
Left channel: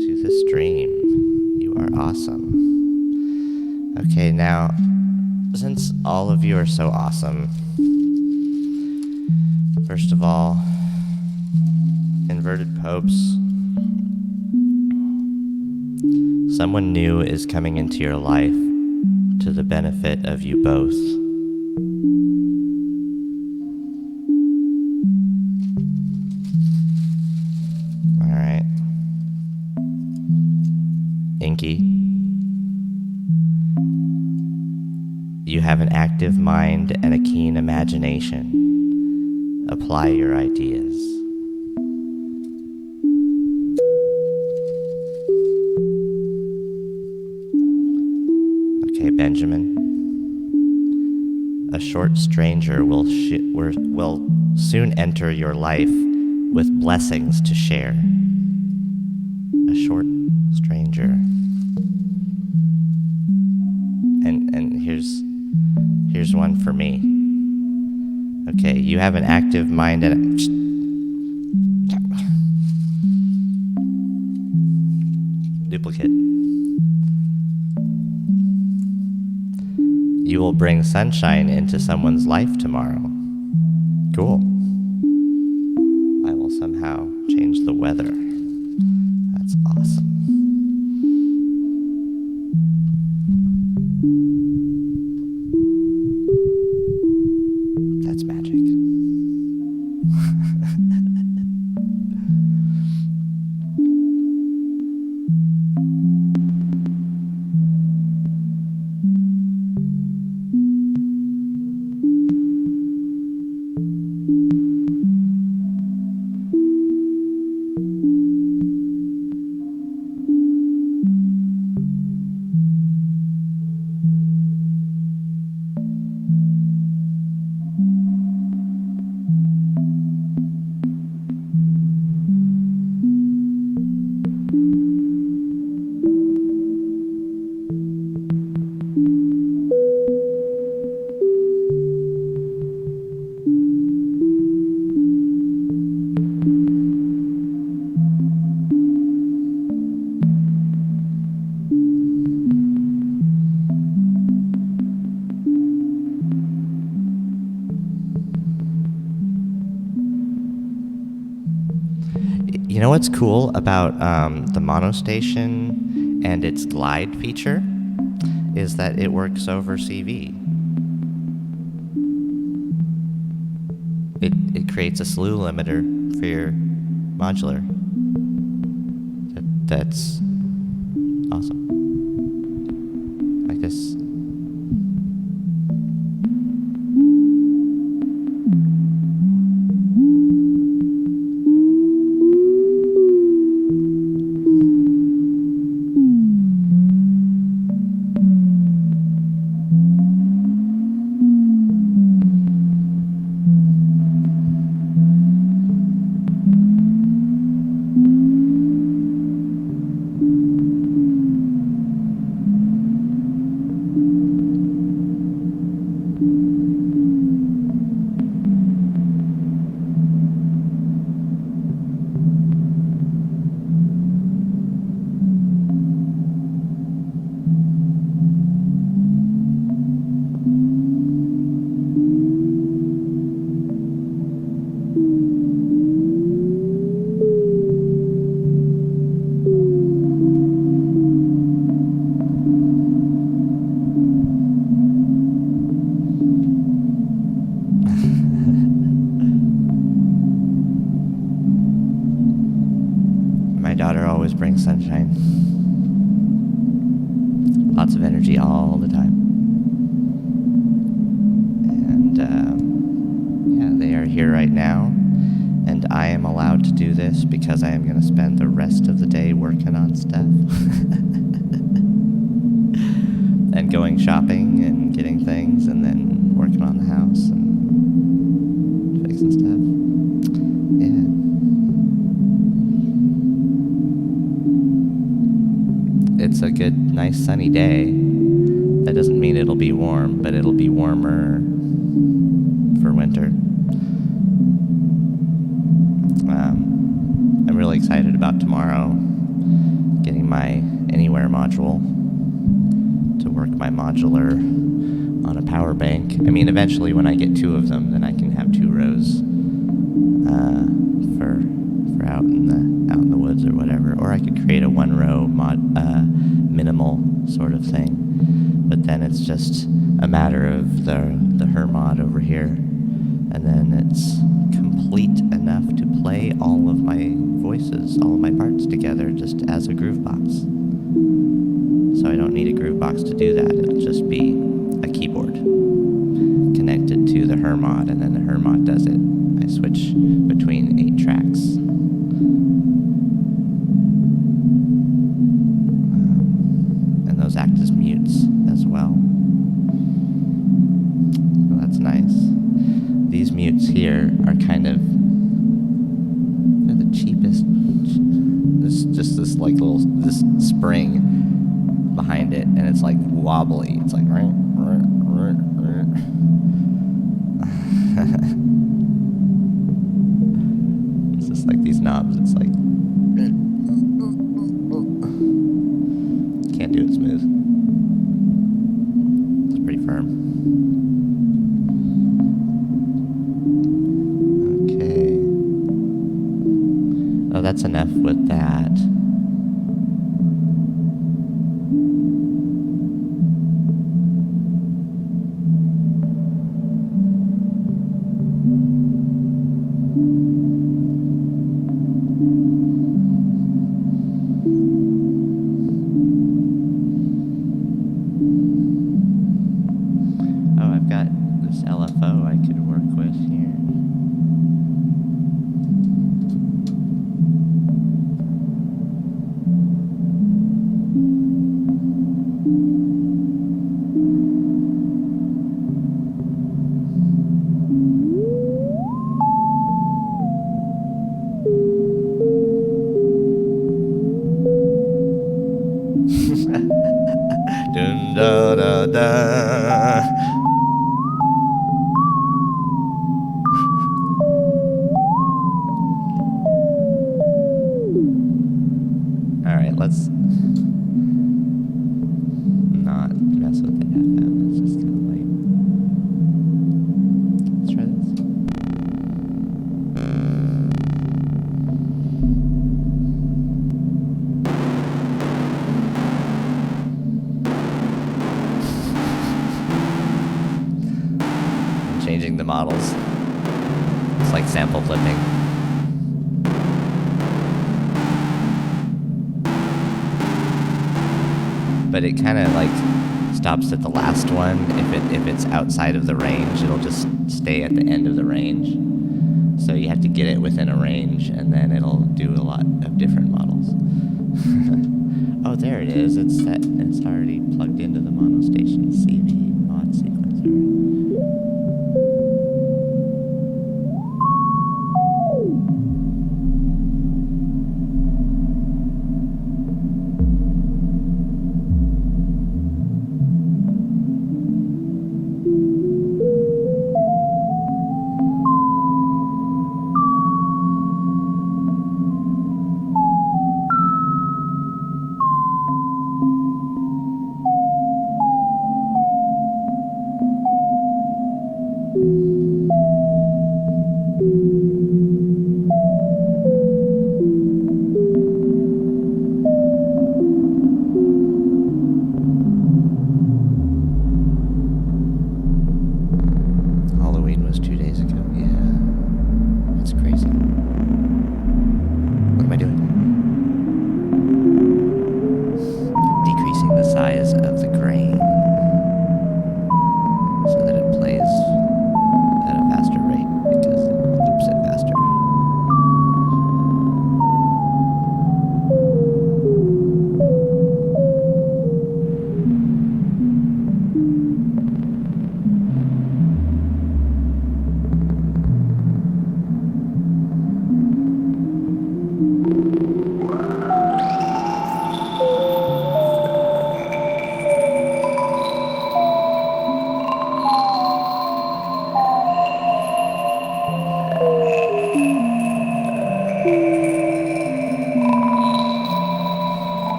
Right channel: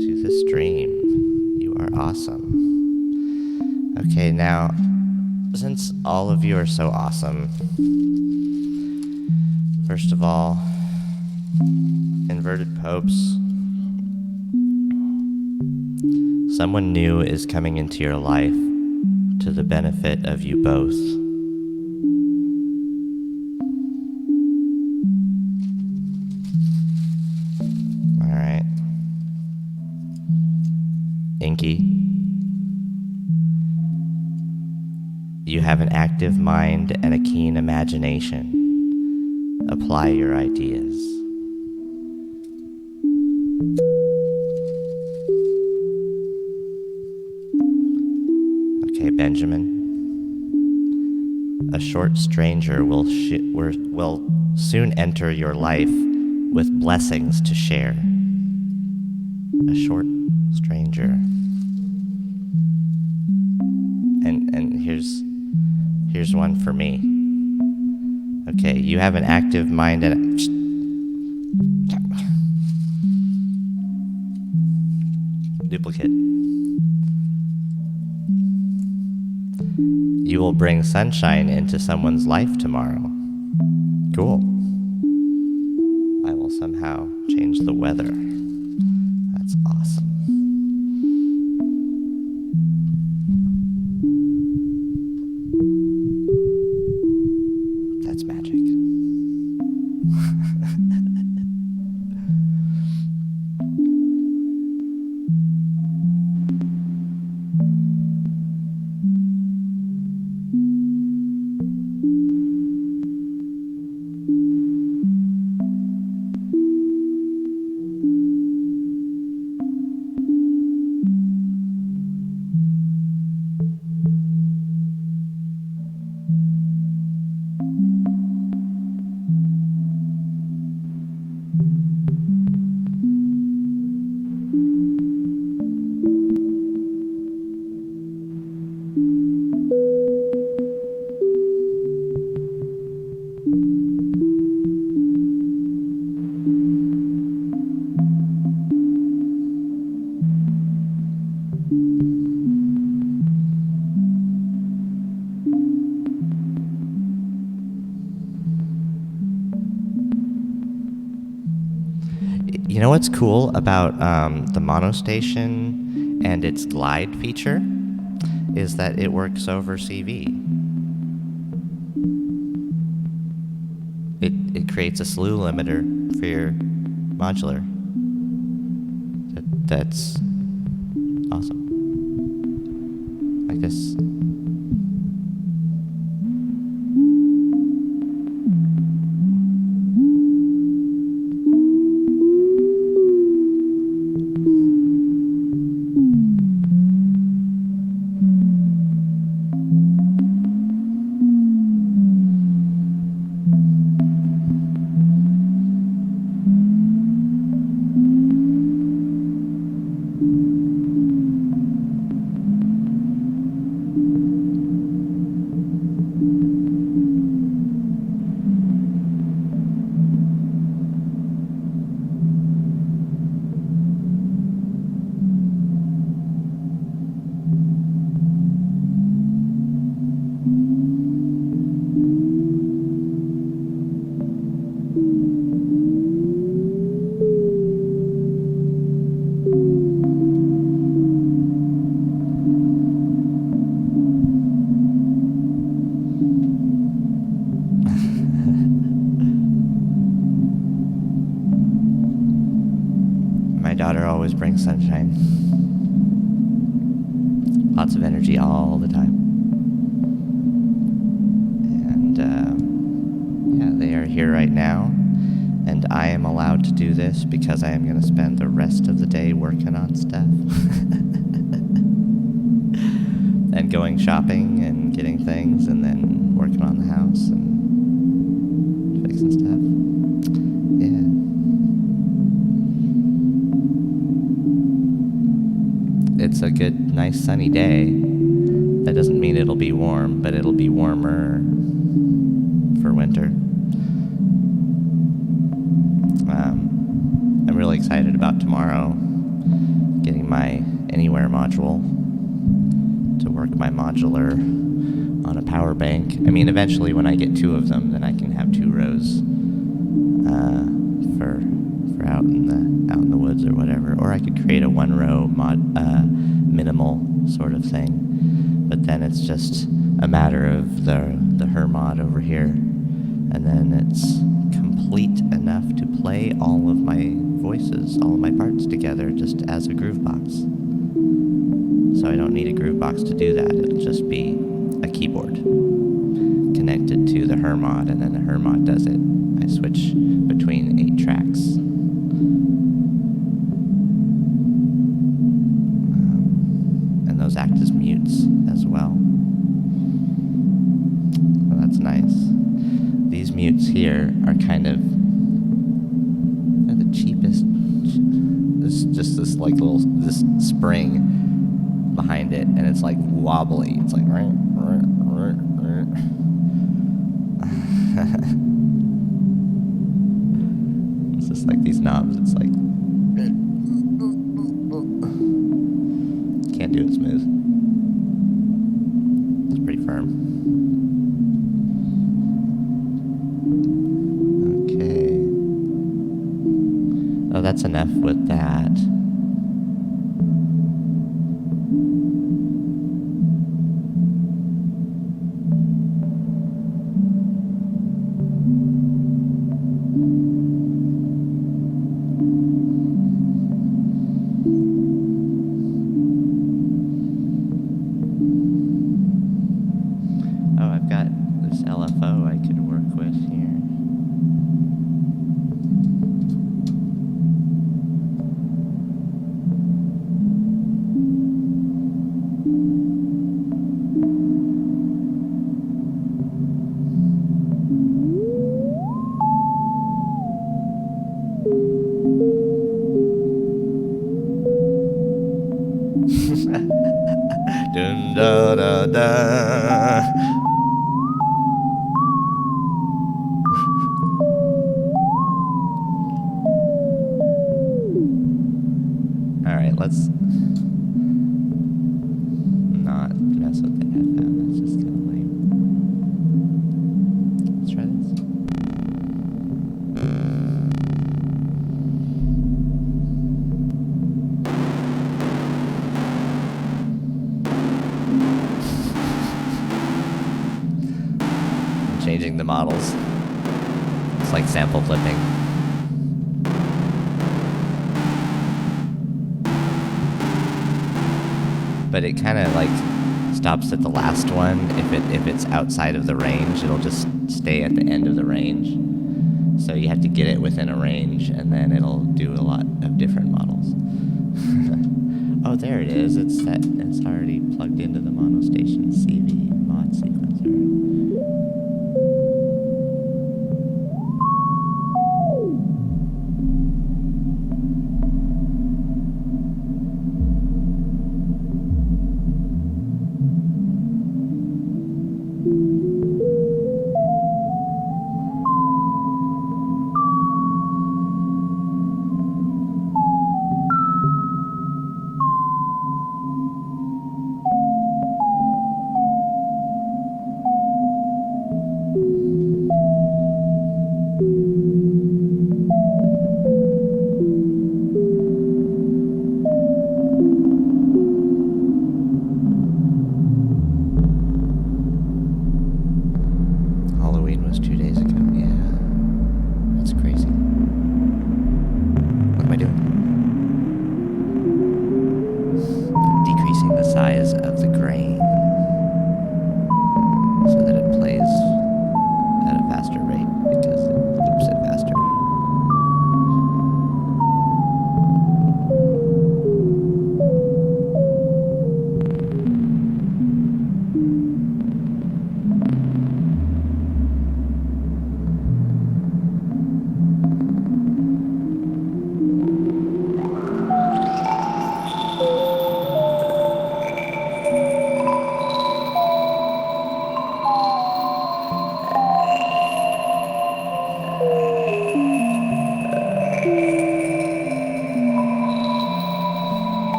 to the stream. You are awesome. Okay, now, since all of you are so awesome, first of all, inverted popes, someone new is coming into your life to the benefit of you both. Alright. Inky, you have an active mind and a keen imagination. Apply your ideas. Okay, Benjamin. A short stranger will soon enter your life with blessings to share. A short stranger. And here's one for me. Okay, you have an active mind and duplicate. You will bring sunshine into someone's life tomorrow. Cool. I will somehow change the weather. That's awesome. That's magic. You know what's cool about the monostation and its glide feature is that it works over CV. It creates a slew limiter for your modular. That's awesome. Like this. My daughter always brings sunshine. Lots of energy all the time. And yeah, they are here right now. And I am allowed to do this because I am going to spend the rest of the day working on stuff. And going shopping and getting things and then working on the house and fixing stuff. Yeah. It's a good, nice sunny day. That doesn't mean it'll be warm, but it'll be warmer for winter. I'm really excited about tomorrow getting my Anywhere module to work my modular on a power bank. I mean, eventually when I get 2 of them, then I can have 2 rows for out in the woods or whatever. Or I could create a 1-row minimal sort of thing. But then it's just a matter of the her mod over here, and then it's complete enough to play all of my voices, all of my parts together just as a groove box. So I don't need a groove box to do that. It'll just be a keyboard connected to the her mod, and then the her mod does it. I switch between 8 tracks. And those act as mutes as well. So that's nice. These mutes here are kind of, they're the cheapest. There's just this like this spring behind it, and it's like wobbly. It's like it's just like these knobs. It's like can't do it smooth. It's pretty firm. Okay. Oh, that's enough with that. LFO I could work with here. Dun da da da. Alright, let's not mess with the FM. That's just kind of lame. Let's try this. I'm changing the models. It's like sample clipping. But it kind of like stops at the last one. If it's outside of the range, it'll just stay at the end of the range. So you have to get it within a range, and then it'll do a lot of different models. Oh, there it is. It's set. It's already plugged into the monostation CV mod sequencer.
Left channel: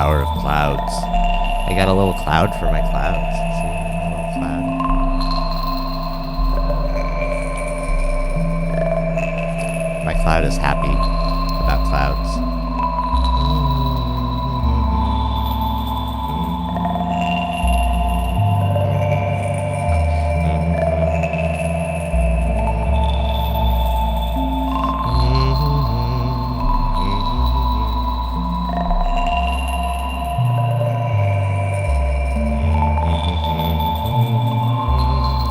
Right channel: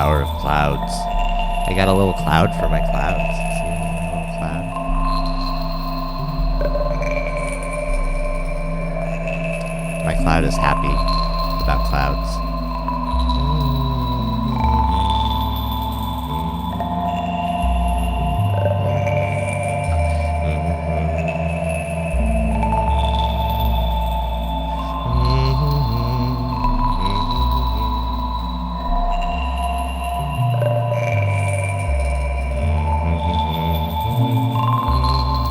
power of clouds. I got a little cloud for my clouds. See, my little cloud. My cloud is happy about clouds.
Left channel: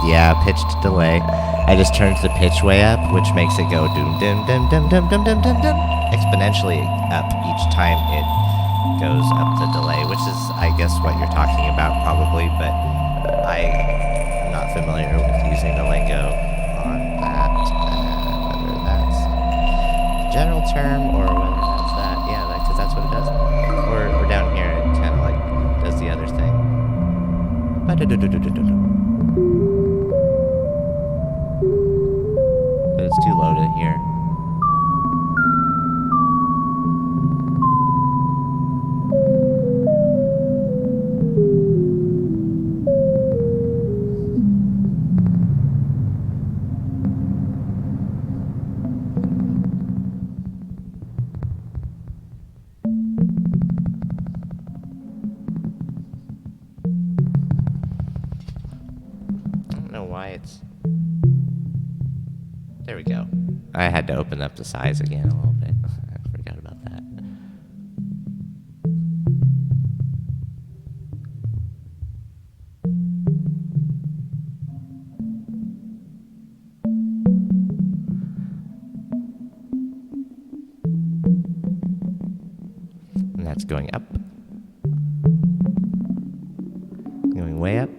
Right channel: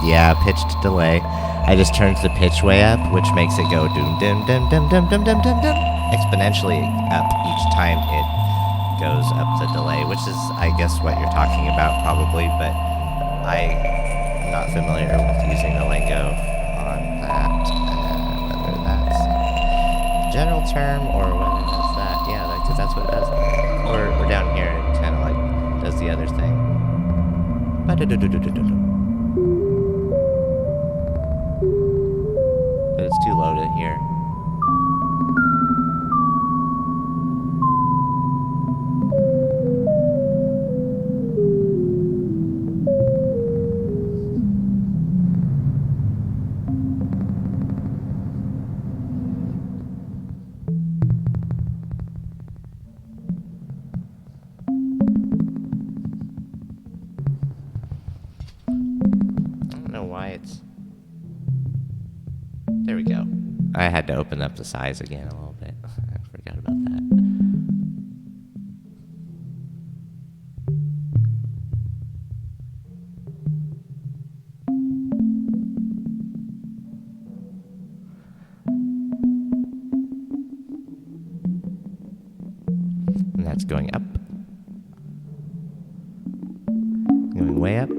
Yeah, pitched delay. I just turned the pitch way up, which makes it go doom dim dim dim dim dim dim dim dim exponentially up each time it goes up the delay, which is, I guess, what you're talking about probably, but I am not familiar with using the lingo on that, whether that's the general term or whether that's that. Yeah, because that's what it does. Or down here, it kind of like does the other thing. But it's too low to hear. I don't know why it's... There we go. I had to open up the size again a little bit. I forgot about that. And that's going up. Going way up.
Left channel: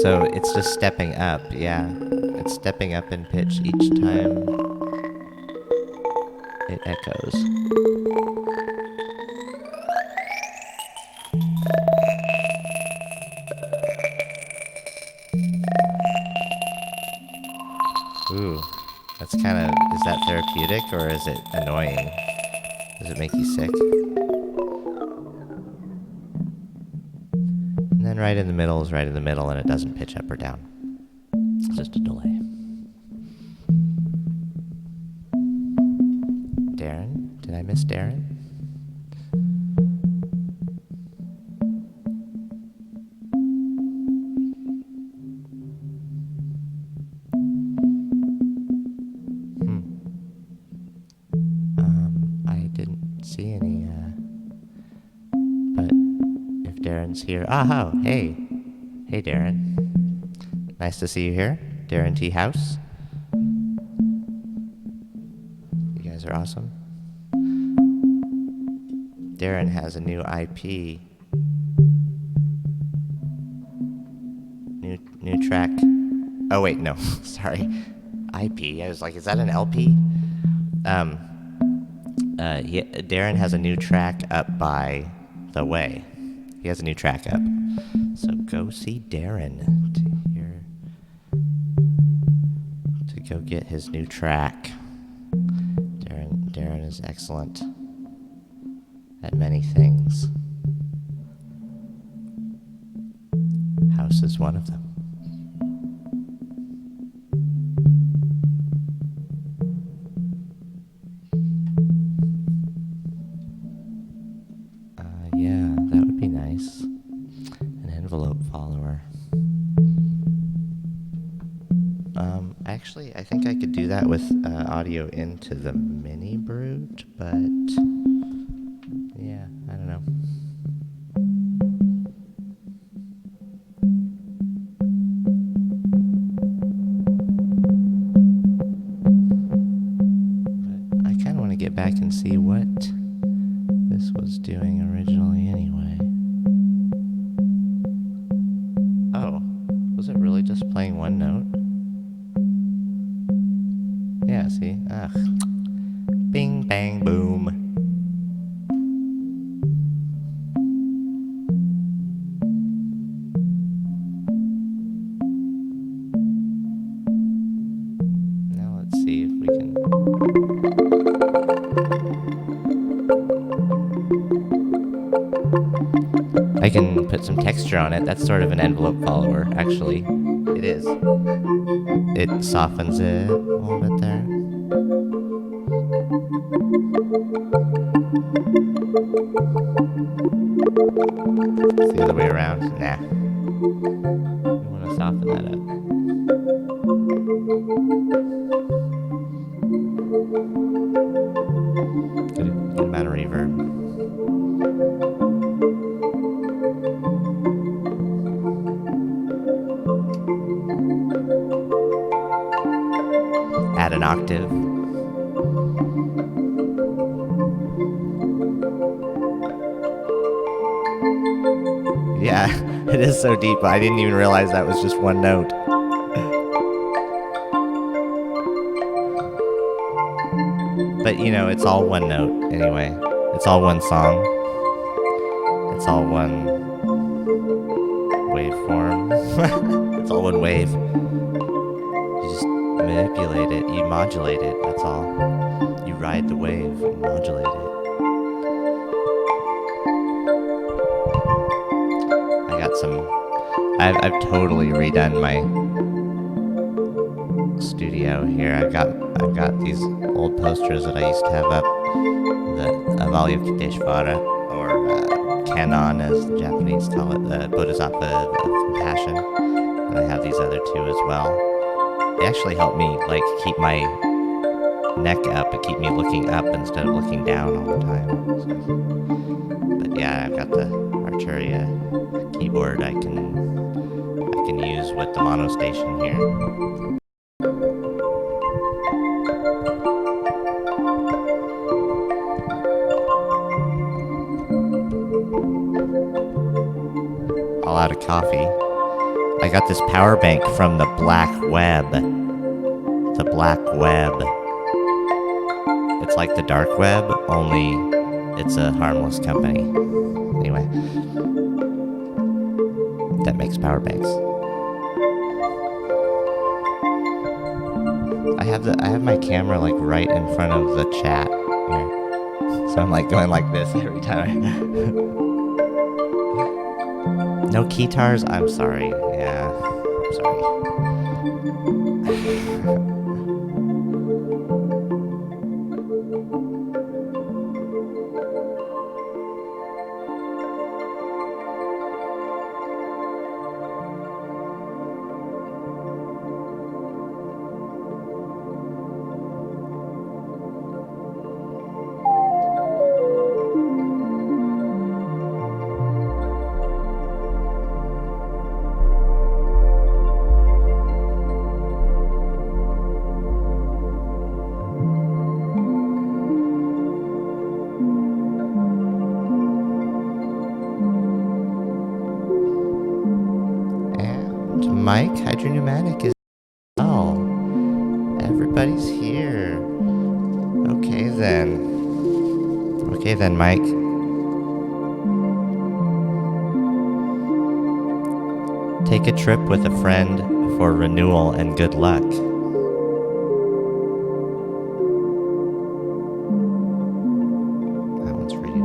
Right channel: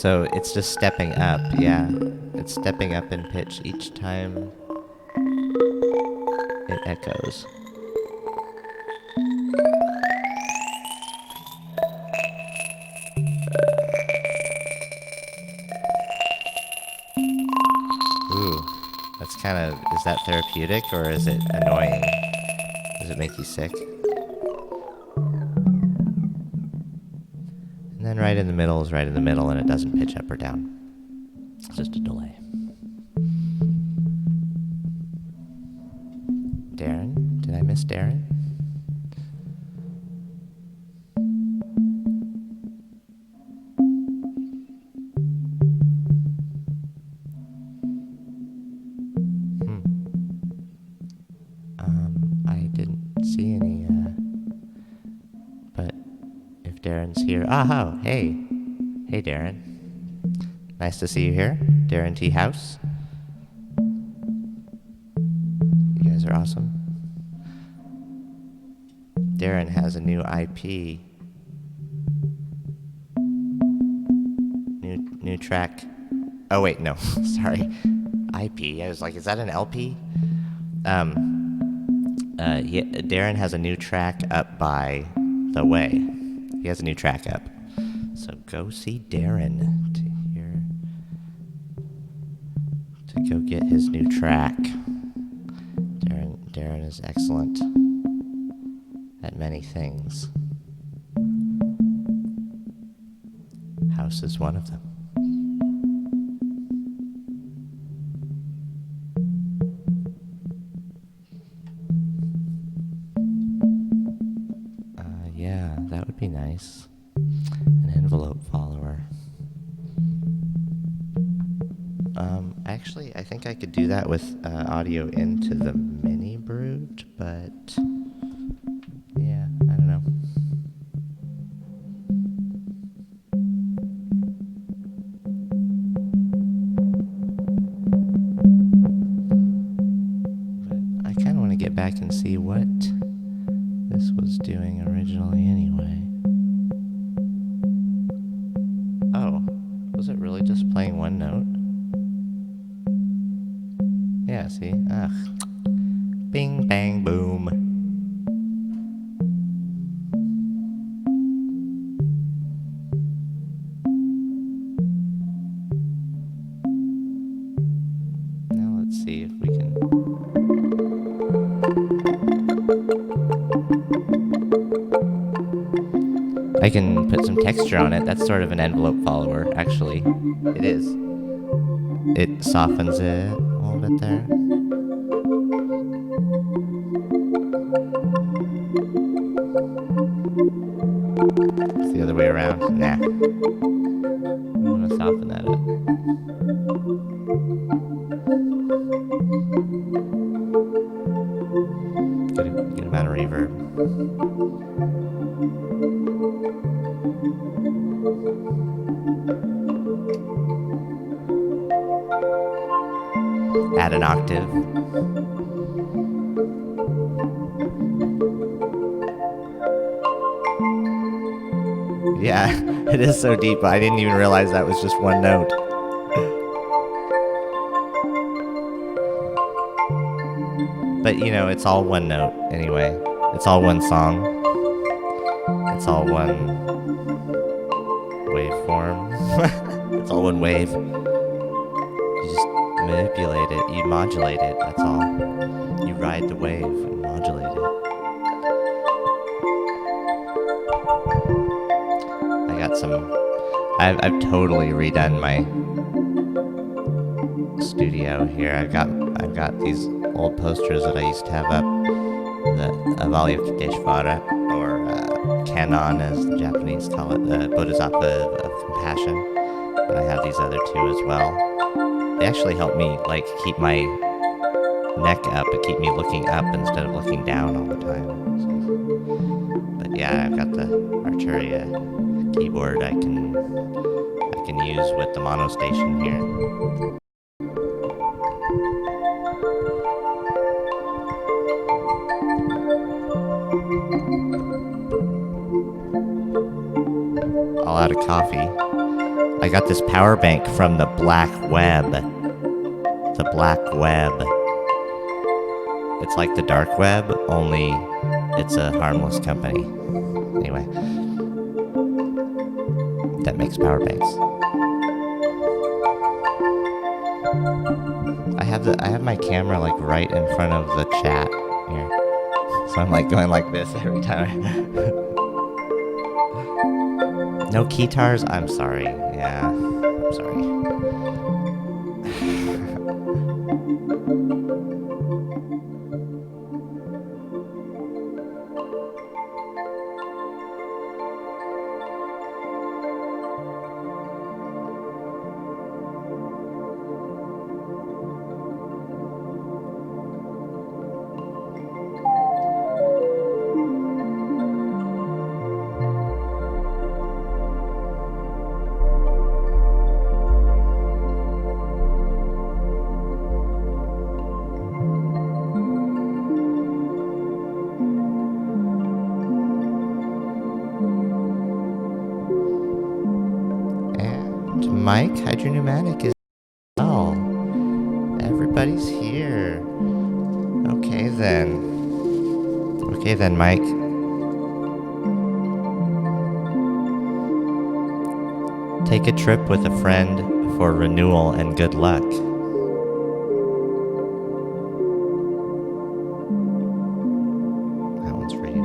So it's just stepping up, yeah. It's stepping up in pitch each time it echoes. Ooh, that's kind of, is that therapeutic or is it annoying? Does it make you sick? And then right in the middle is right in the middle and it doesn't pitch up or down. It's just a delay. Darren? Did I miss Darren? I didn't see any, but if Darren's here... Oh, hey. Hey, Darren. Nice to see you here. Darren T. House. You guys are awesome. Darren has a new IP. New track. Oh, wait, no. Sorry. IP. I was like, is that an LP? Darren has a new track up by The Way. He has a new track up. So go see Darren to go get his new track. Darren is excellent at many things. House is one of them. Yeah, that would be nice. An envelope follower. Actually, I think I could do that with audio into the mini brute, but yeah, I don't know. But I kind of want to get back and see what this was doing originally anyway. Oh, was it really just playing one note? Yeah, see? Ugh. Bing, bang, boom. Now let's see if we can... I can put some texture on it. That's sort of an envelope follower, actually. It is. It softens it a little bit there. It's the other way around. Nah. We want to soften that up. Good amount of reverb. Add an octave. Yeah, it is so deep. I didn't even realize that was just one note. But you know, it's all one note anyway. It's all one song. It's all one waveform. It's all one wave. You just manipulate it. You modulate it. That's all. You ride the wave and modulate it. I got some. I've totally redone my studio here. I've got these old posters that I used to have up, the Avalokiteshvara, or Kannon as the Japanese call it, the Bodhisattva of Compassion. And I have these other two as well. They actually help me like keep my neck up and keep me looking up instead of looking down all the time. So, but yeah, I've got the Arturia keyboard I can use with the mono station here. All out of coffee. I got this power bank from the Black Web. The Black Web. It's like the dark web, only it's a harmless company. Anyway, that makes power banks. I have my camera like right in front of the chat here, so I'm like going like this every time. No keytars? I'm sorry. Yeah, I'm sorry. Mike, Hydropneumatic is well. Everybody's here. Okay then, Mike. Take a trip with a friend for renewal and good luck. That one's for you.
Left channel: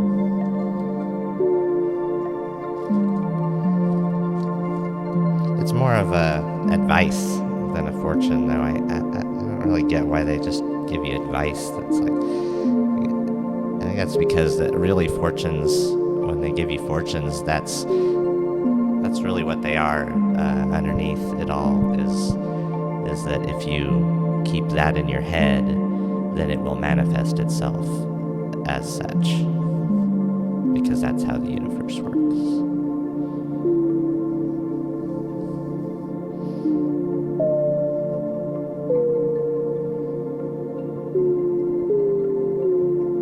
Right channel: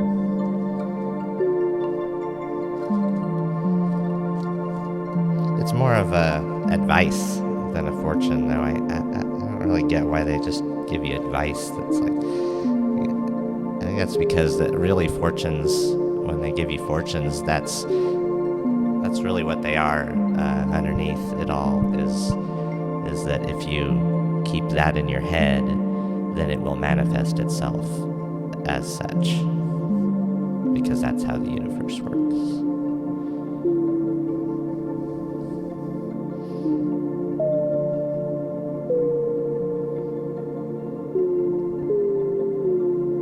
It's more of a advice than a fortune, though. I don't really get why they just give you advice. That's like, I think that's because that really fortunes, when they give you fortunes, that's really what they are. Underneath it all is that if you keep that in your head, then it will manifest itself as such, because that's how the universe works.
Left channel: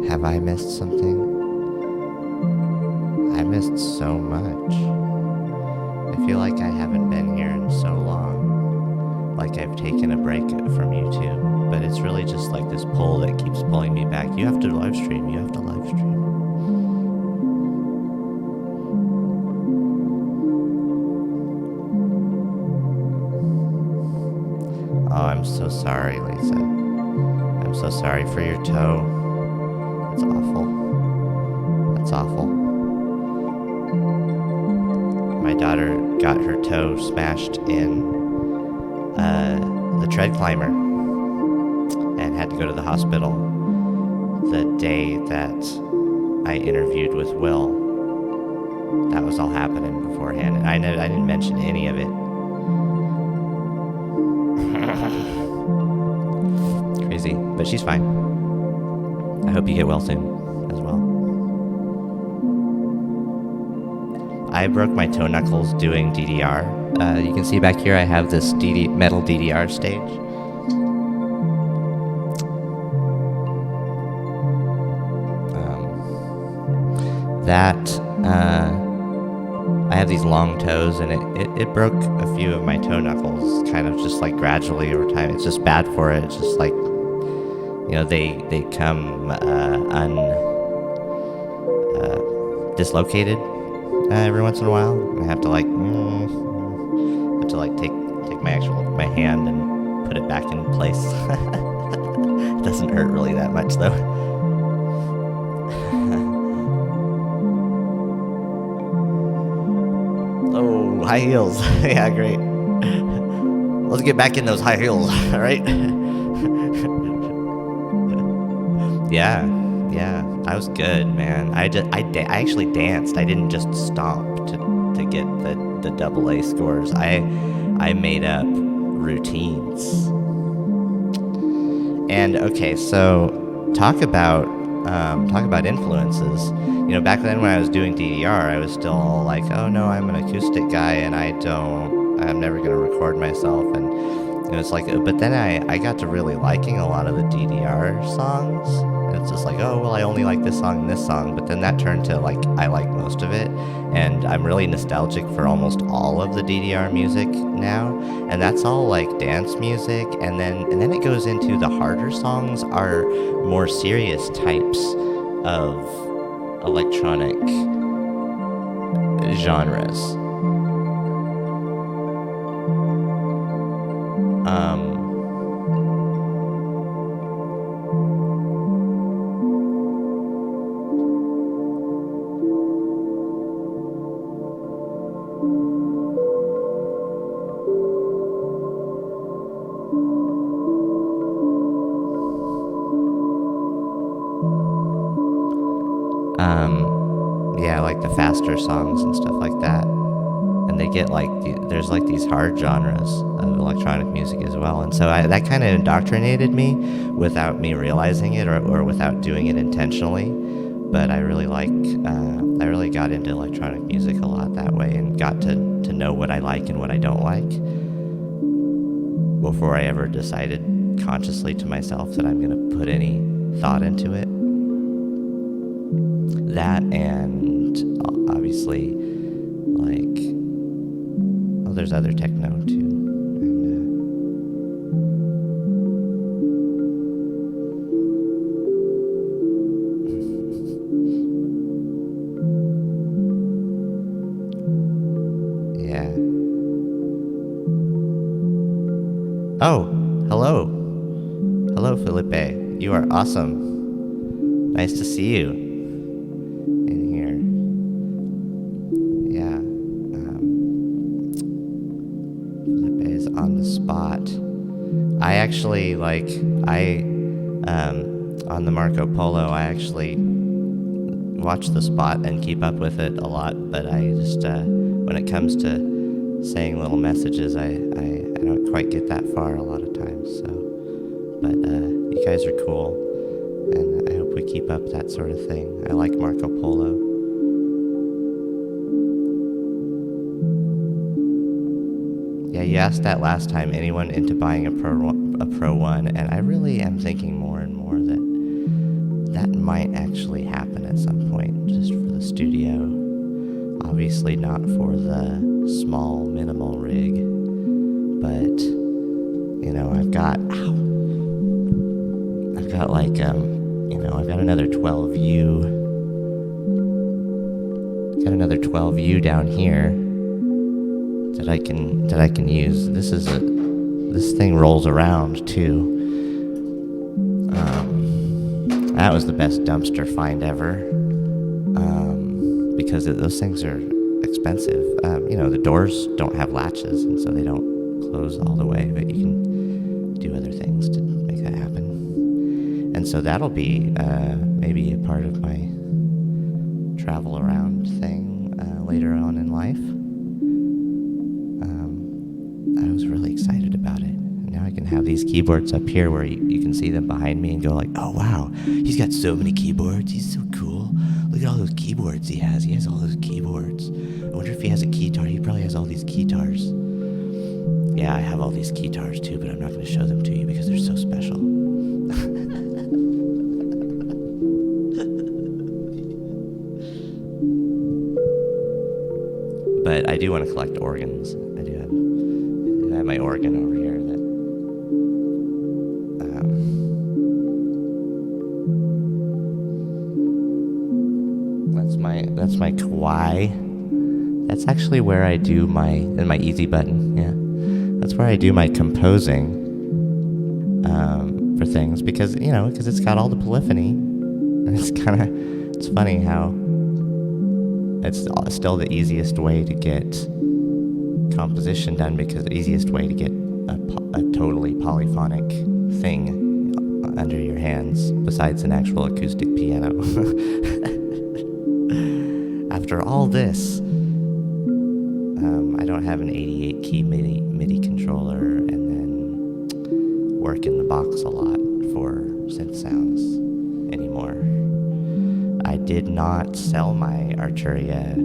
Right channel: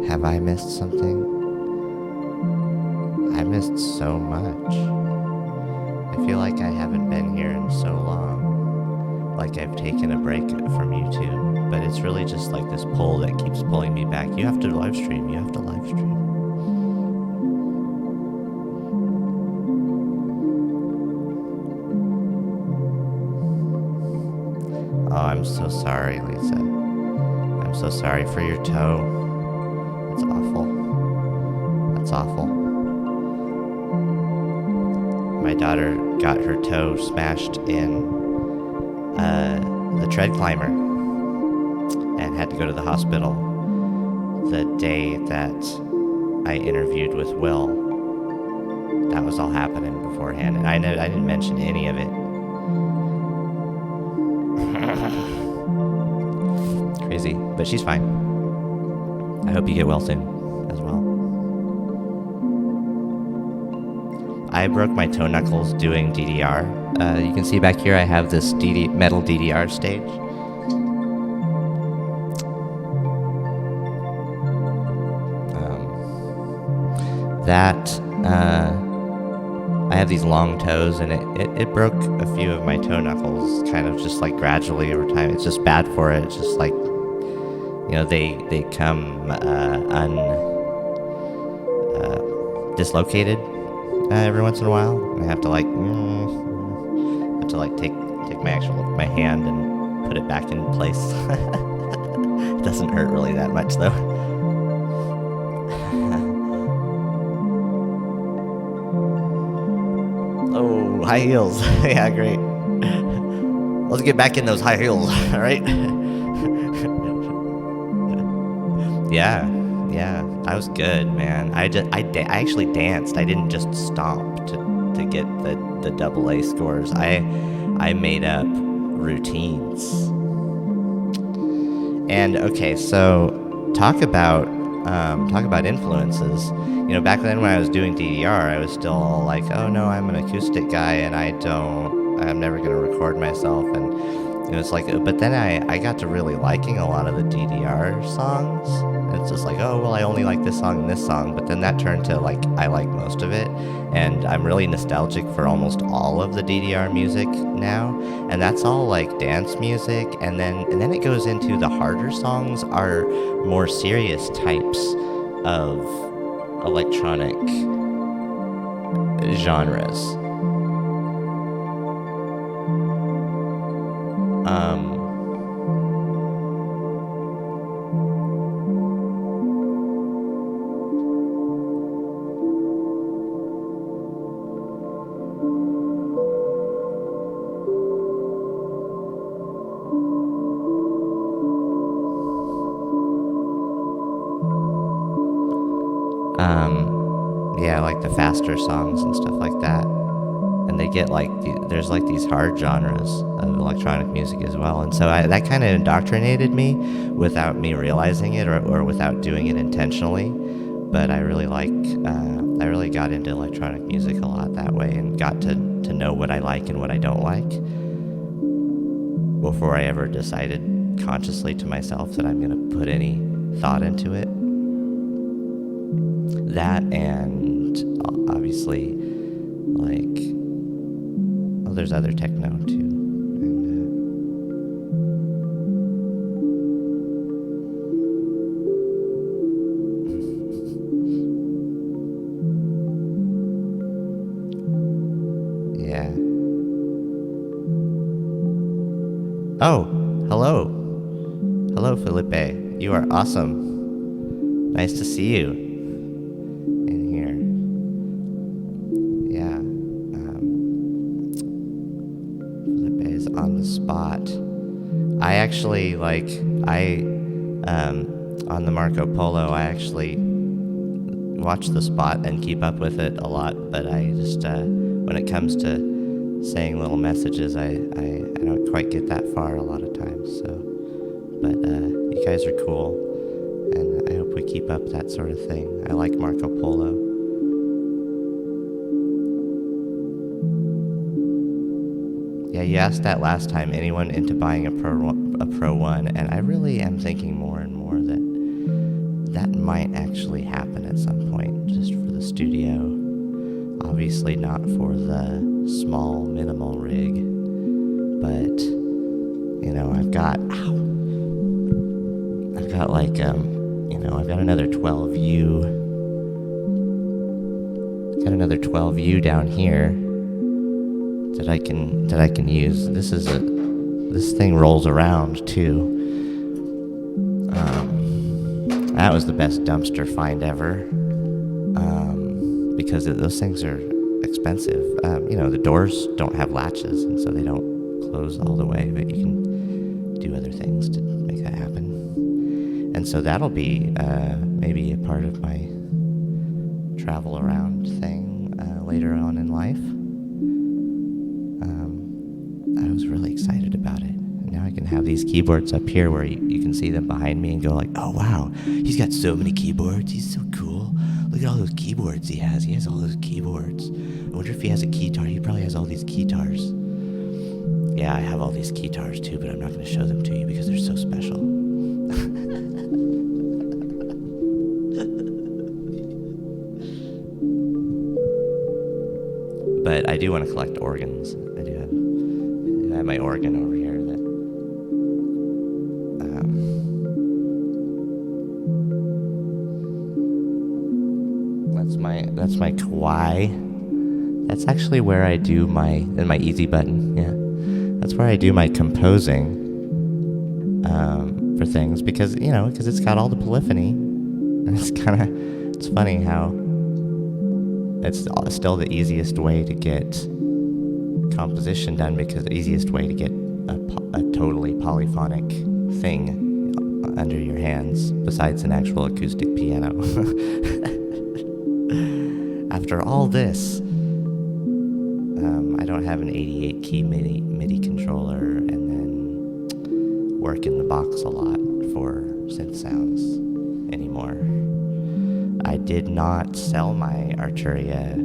Have I missed something? I missed so much. I feel like I haven't been here in so long. Like I've taken a break from YouTube. But it's really just like this pull that keeps pulling me back. You have to live stream. You have to live stream. Oh, I'm so sorry, Lisa. I'm so sorry for your toe. It's awful. That's awful. my daughter got her toe smashed in the tread climber and had to go to the hospital the day that I interviewed with Will. That was all happening beforehand, and I didn't mention any of it. Crazy, but she's fine. I hope you get well soon as well. I broke my toe knuckles doing DDR. You can see back here I have this metal DDR stage. I have these long toes, and it broke a few of my toe knuckles kind of just like gradually over time. It's just bad for it. It's just like, they come dislocated every once in a while. And I have to take my hand and put it back in place. It doesn't hurt really that much though. Oh, high heels. Yeah, great. Let's get back in those high heels, all right? Yeah, I was good, man. I actually danced. I didn't just stomp to get the AA scores. I made up routines. And okay, so talk about influences. Back then when I was doing DDR, I was still all like, oh no, I'm an acoustic guy and I'm never going to record myself. And it's like, but then I got to really liking a lot of the DDR songs. And it's just like, oh, well, I only like this song and this song. But then that turned to like, I like most of it. And I'm really nostalgic for almost all of the DDR music now. And that's all like dance music. And then it goes into the harder songs are more serious types of electronic genres. Yeah, like the faster songs and stuff like that. And they get like, there's like these hard genres of electronic music as well. And so that kind of indoctrinated me without me realizing it or without doing it intentionally. But I really got into electronic music a lot that way and got to know what I like and what I don't like before I ever decided consciously to myself that I'm going to put any thought into it. That and obviously like, well, there's other techno too. Yeah. Oh, hello. Hello, Felipe. You are awesome. Nice to see you in here. Yeah. Felipe is on the spot. I actually, on the Marco Polo, I actually watch the spot and keep up with it a lot, but I just, when it comes to saying little messages, I don't quite get that far a lot of times, so, but, you guys are cool, and I hope we keep up that sort of thing. I like Marco Polo. Yeah, you asked that last time, anyone into buying a Pro 1, and I really am thinking more and more that might actually happen at some point, just for the studio. Obviously not for the small, minimal rig, but, I've got another 12U. Got another 12U down here that I can use. This thing rolls around too. That was the best dumpster find ever. Because those things are expensive. The doors don't have latches, and so they don't close all the way, but you can do other things to make that happen. And so that'll be maybe a part of my travel around thing later on in life. I was really excited about it. And now I can have these keyboards up here where you can see them behind me and go like, oh wow, he's got so many keyboards, he's so cool. Look at all those keyboards he has all those keyboards. I wonder if he has a keytar. He probably has all these keytars. Yeah, I have all these keytars too, but I'm not going to show them to you because they're so special. But I do want to collect organs. I do have my organ over here that that's my Kauai. That's actually where I do my easy button. Yeah, that's where I do my composing for things because it's got all the polyphony, and it's funny how it's still the easiest way to get composition done because the easiest way to get a totally polyphonic thing under your hands besides an actual acoustic piano. After all this, I don't have an 88 key MIDI controller and then work in the box a lot for synth sounds anymore. I did not sell my Arturia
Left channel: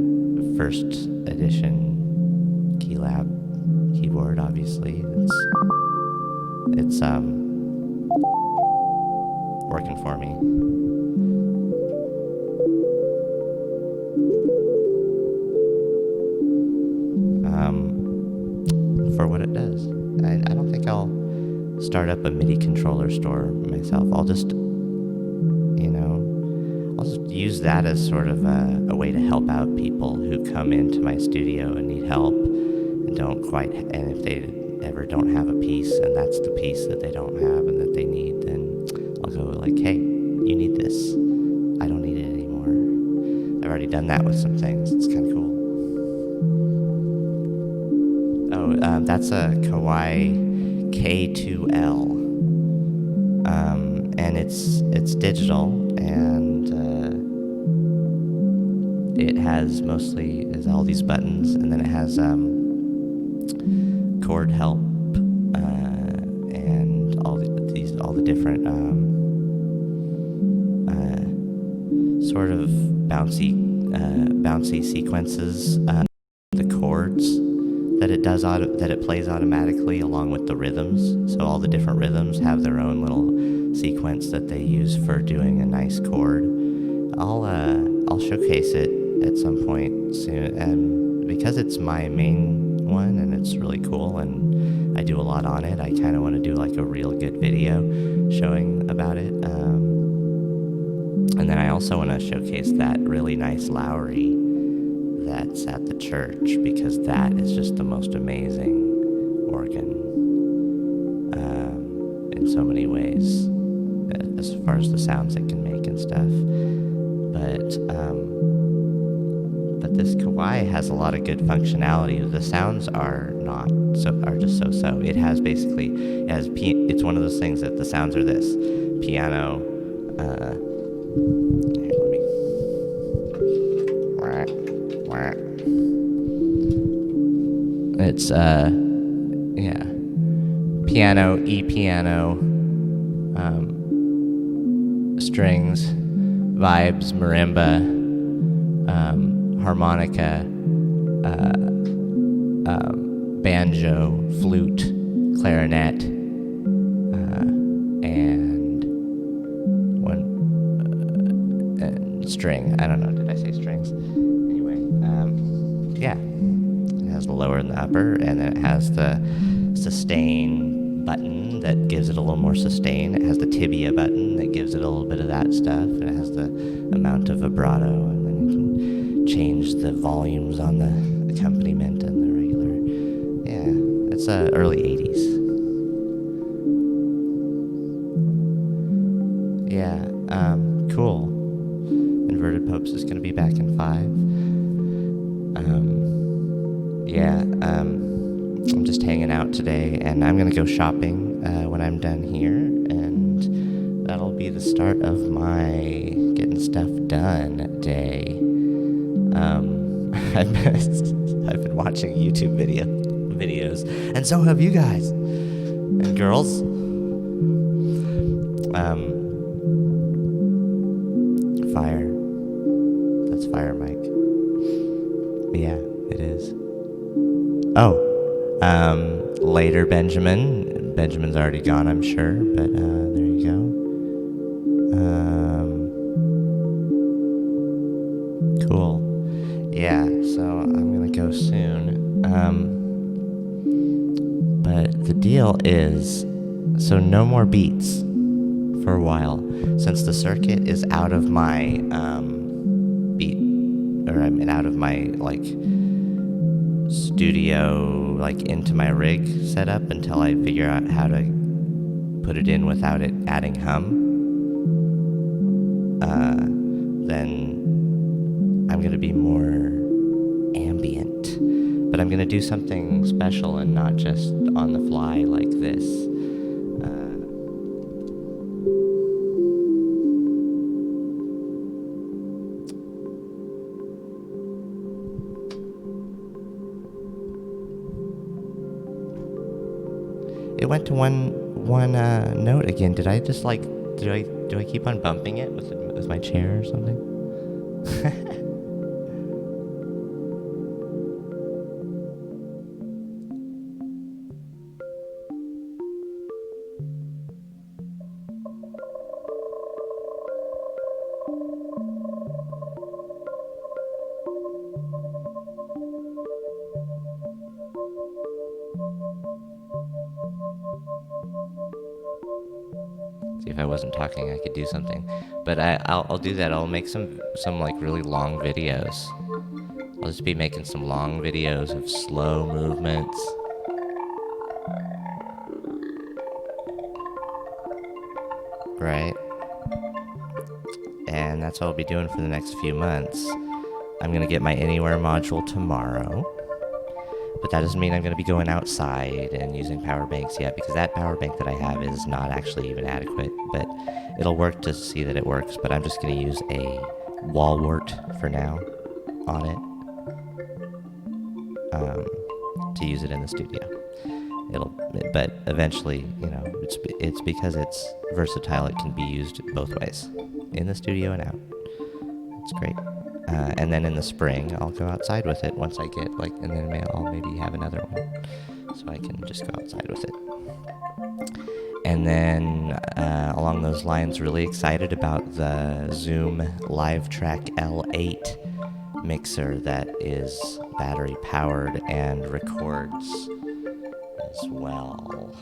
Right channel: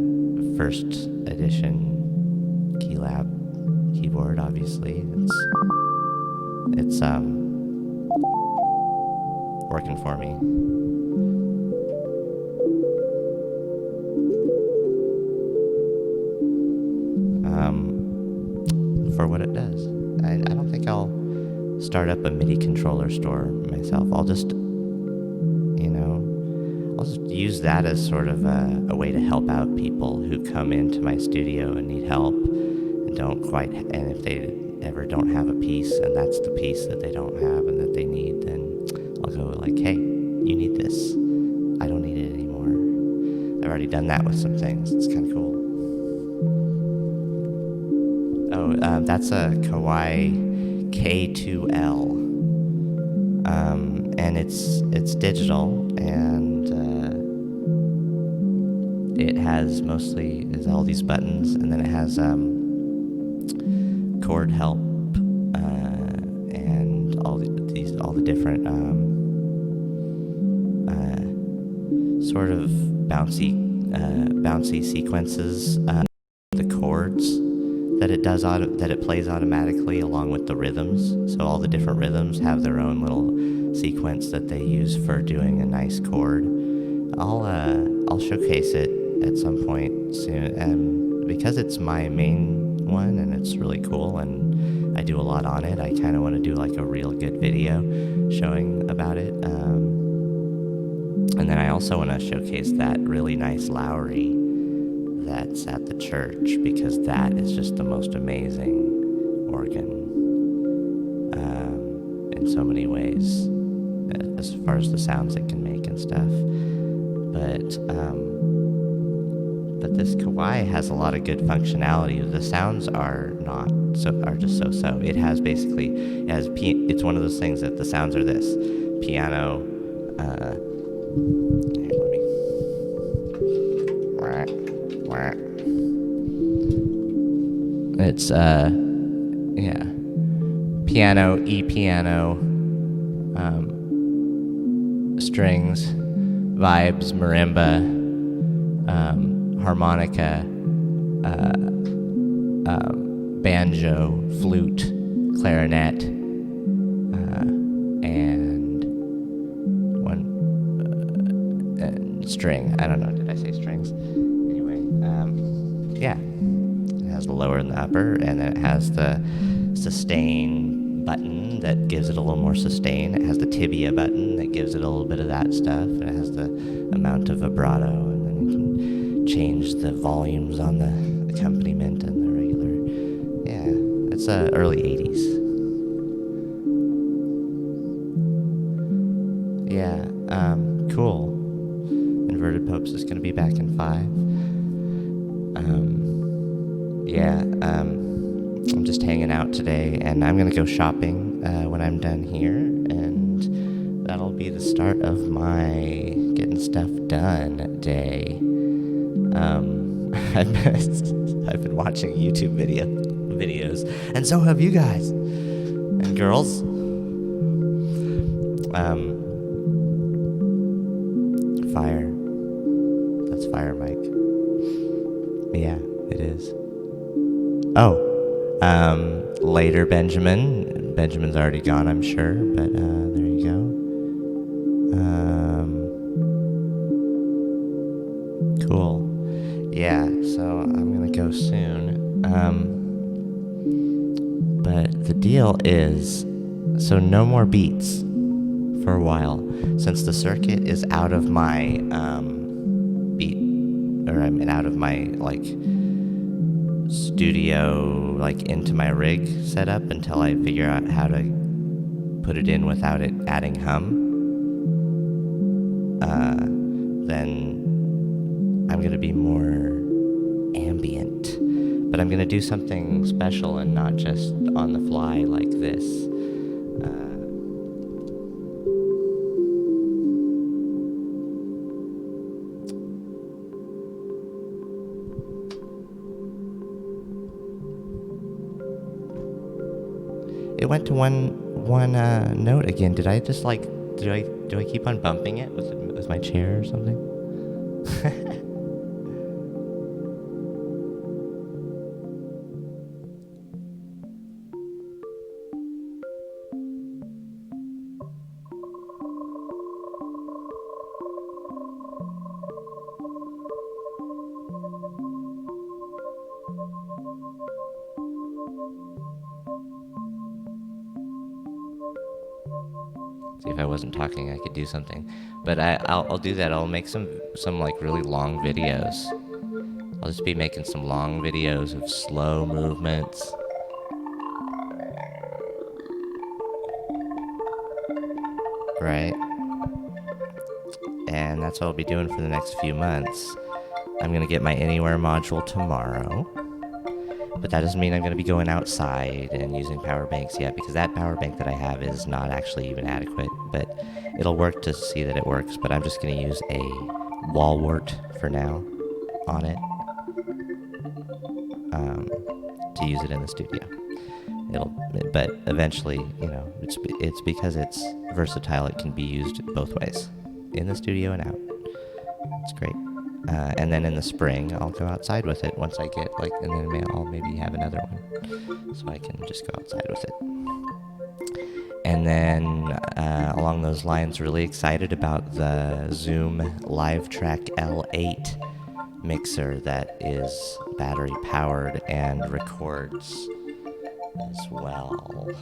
first edition Keylab keyboard, obviously. It's working for me. For what it does. I don't think I'll start up a MIDI controller store myself. I'll just use that as sort of a way to help out people who come into my studio and need help and if they ever don't have a piece and that's the piece that they don't have and that they need, then I'll go like, hey, you need this. I don't need it anymore. I've already done that with some things. It's kind of cool. Oh, that's a Kauai K2L. And it's digital, and it has is all these buttons, and then it has chord help and all the different sort of bouncy sequences, the chords that it plays automatically along with the rhythms. So all the different rhythms have their own little sequence that they use for doing a nice chord. I'll showcase it at some point soon, and because it's my main one and it's really cool and I do a lot on it, I kind of want to do like a real good video showing about it. And then I also want to showcase that really nice Lowry that's at the church, because that is just the most amazing organ in so many ways as far as the sounds it can make and stuff. But this Kauai has a lot of good functionality. The sounds are just so. It has it's one of those things that the sounds are this piano. Here, let me. It's piano, E piano, strings, vibes, marimba, harmonica, banjo, flute, clarinet, and string. I don't know. Did I say strings? Anyway, yeah. It has the lower and the upper, and then it has the sustain button that gives it a little more sustain. It has the tibia button that gives it a little bit of that stuff, and it has the amount of vibrato, and then you can change the volumes on the accompaniment and the regular. Yeah, it's early 80s. Yeah, cool. Inverted Popes is going to be back in 5. Yeah, I'm just hanging out today, and I'm gonna go shopping when I'm done here, and that'll be the start of my getting stuff done day. I've been watching YouTube videos, and so have you guys and girls. Fire. That's fire, Mike. Yeah, it is. Oh, later, Benjamin. Benjamin's already gone, I'm sure, but there you go. Cool. Yeah, so I'm gonna go soon. But the deal is, so no more beats for a while, since the circuit is out of my beat, or I mean out of my like studio, like into my rig setup until I figure out how to put it in without it adding hum. Then I'm gonna be more ambient, but I'm gonna do something special and not just on the fly like this. It went to one note again. Did I just like do I keep on bumping it with my chair or something? See, if I wasn't talking, I could do something, but I'll do that. I'll make some like really long videos. I'll just be making some long videos of slow movements. Right? And that's what I'll be doing for the next few months. I'm gonna get my Anywhere module tomorrow. But that doesn't mean I'm going to be going outside and using power banks yet, because that power bank that I have is not actually even adequate. But it'll work to see that it works. But I'm just going to use a wall wart for now on it to use it in the studio. But eventually, it's because it's versatile. It can be used both ways, in the studio and out. It's great. And then in the spring, I'll go outside with it once I get and then I'll maybe have another one, so I can just go outside with it. And then along those lines, really excited about the Zoom LiveTrack L8 mixer that is battery powered and records as well.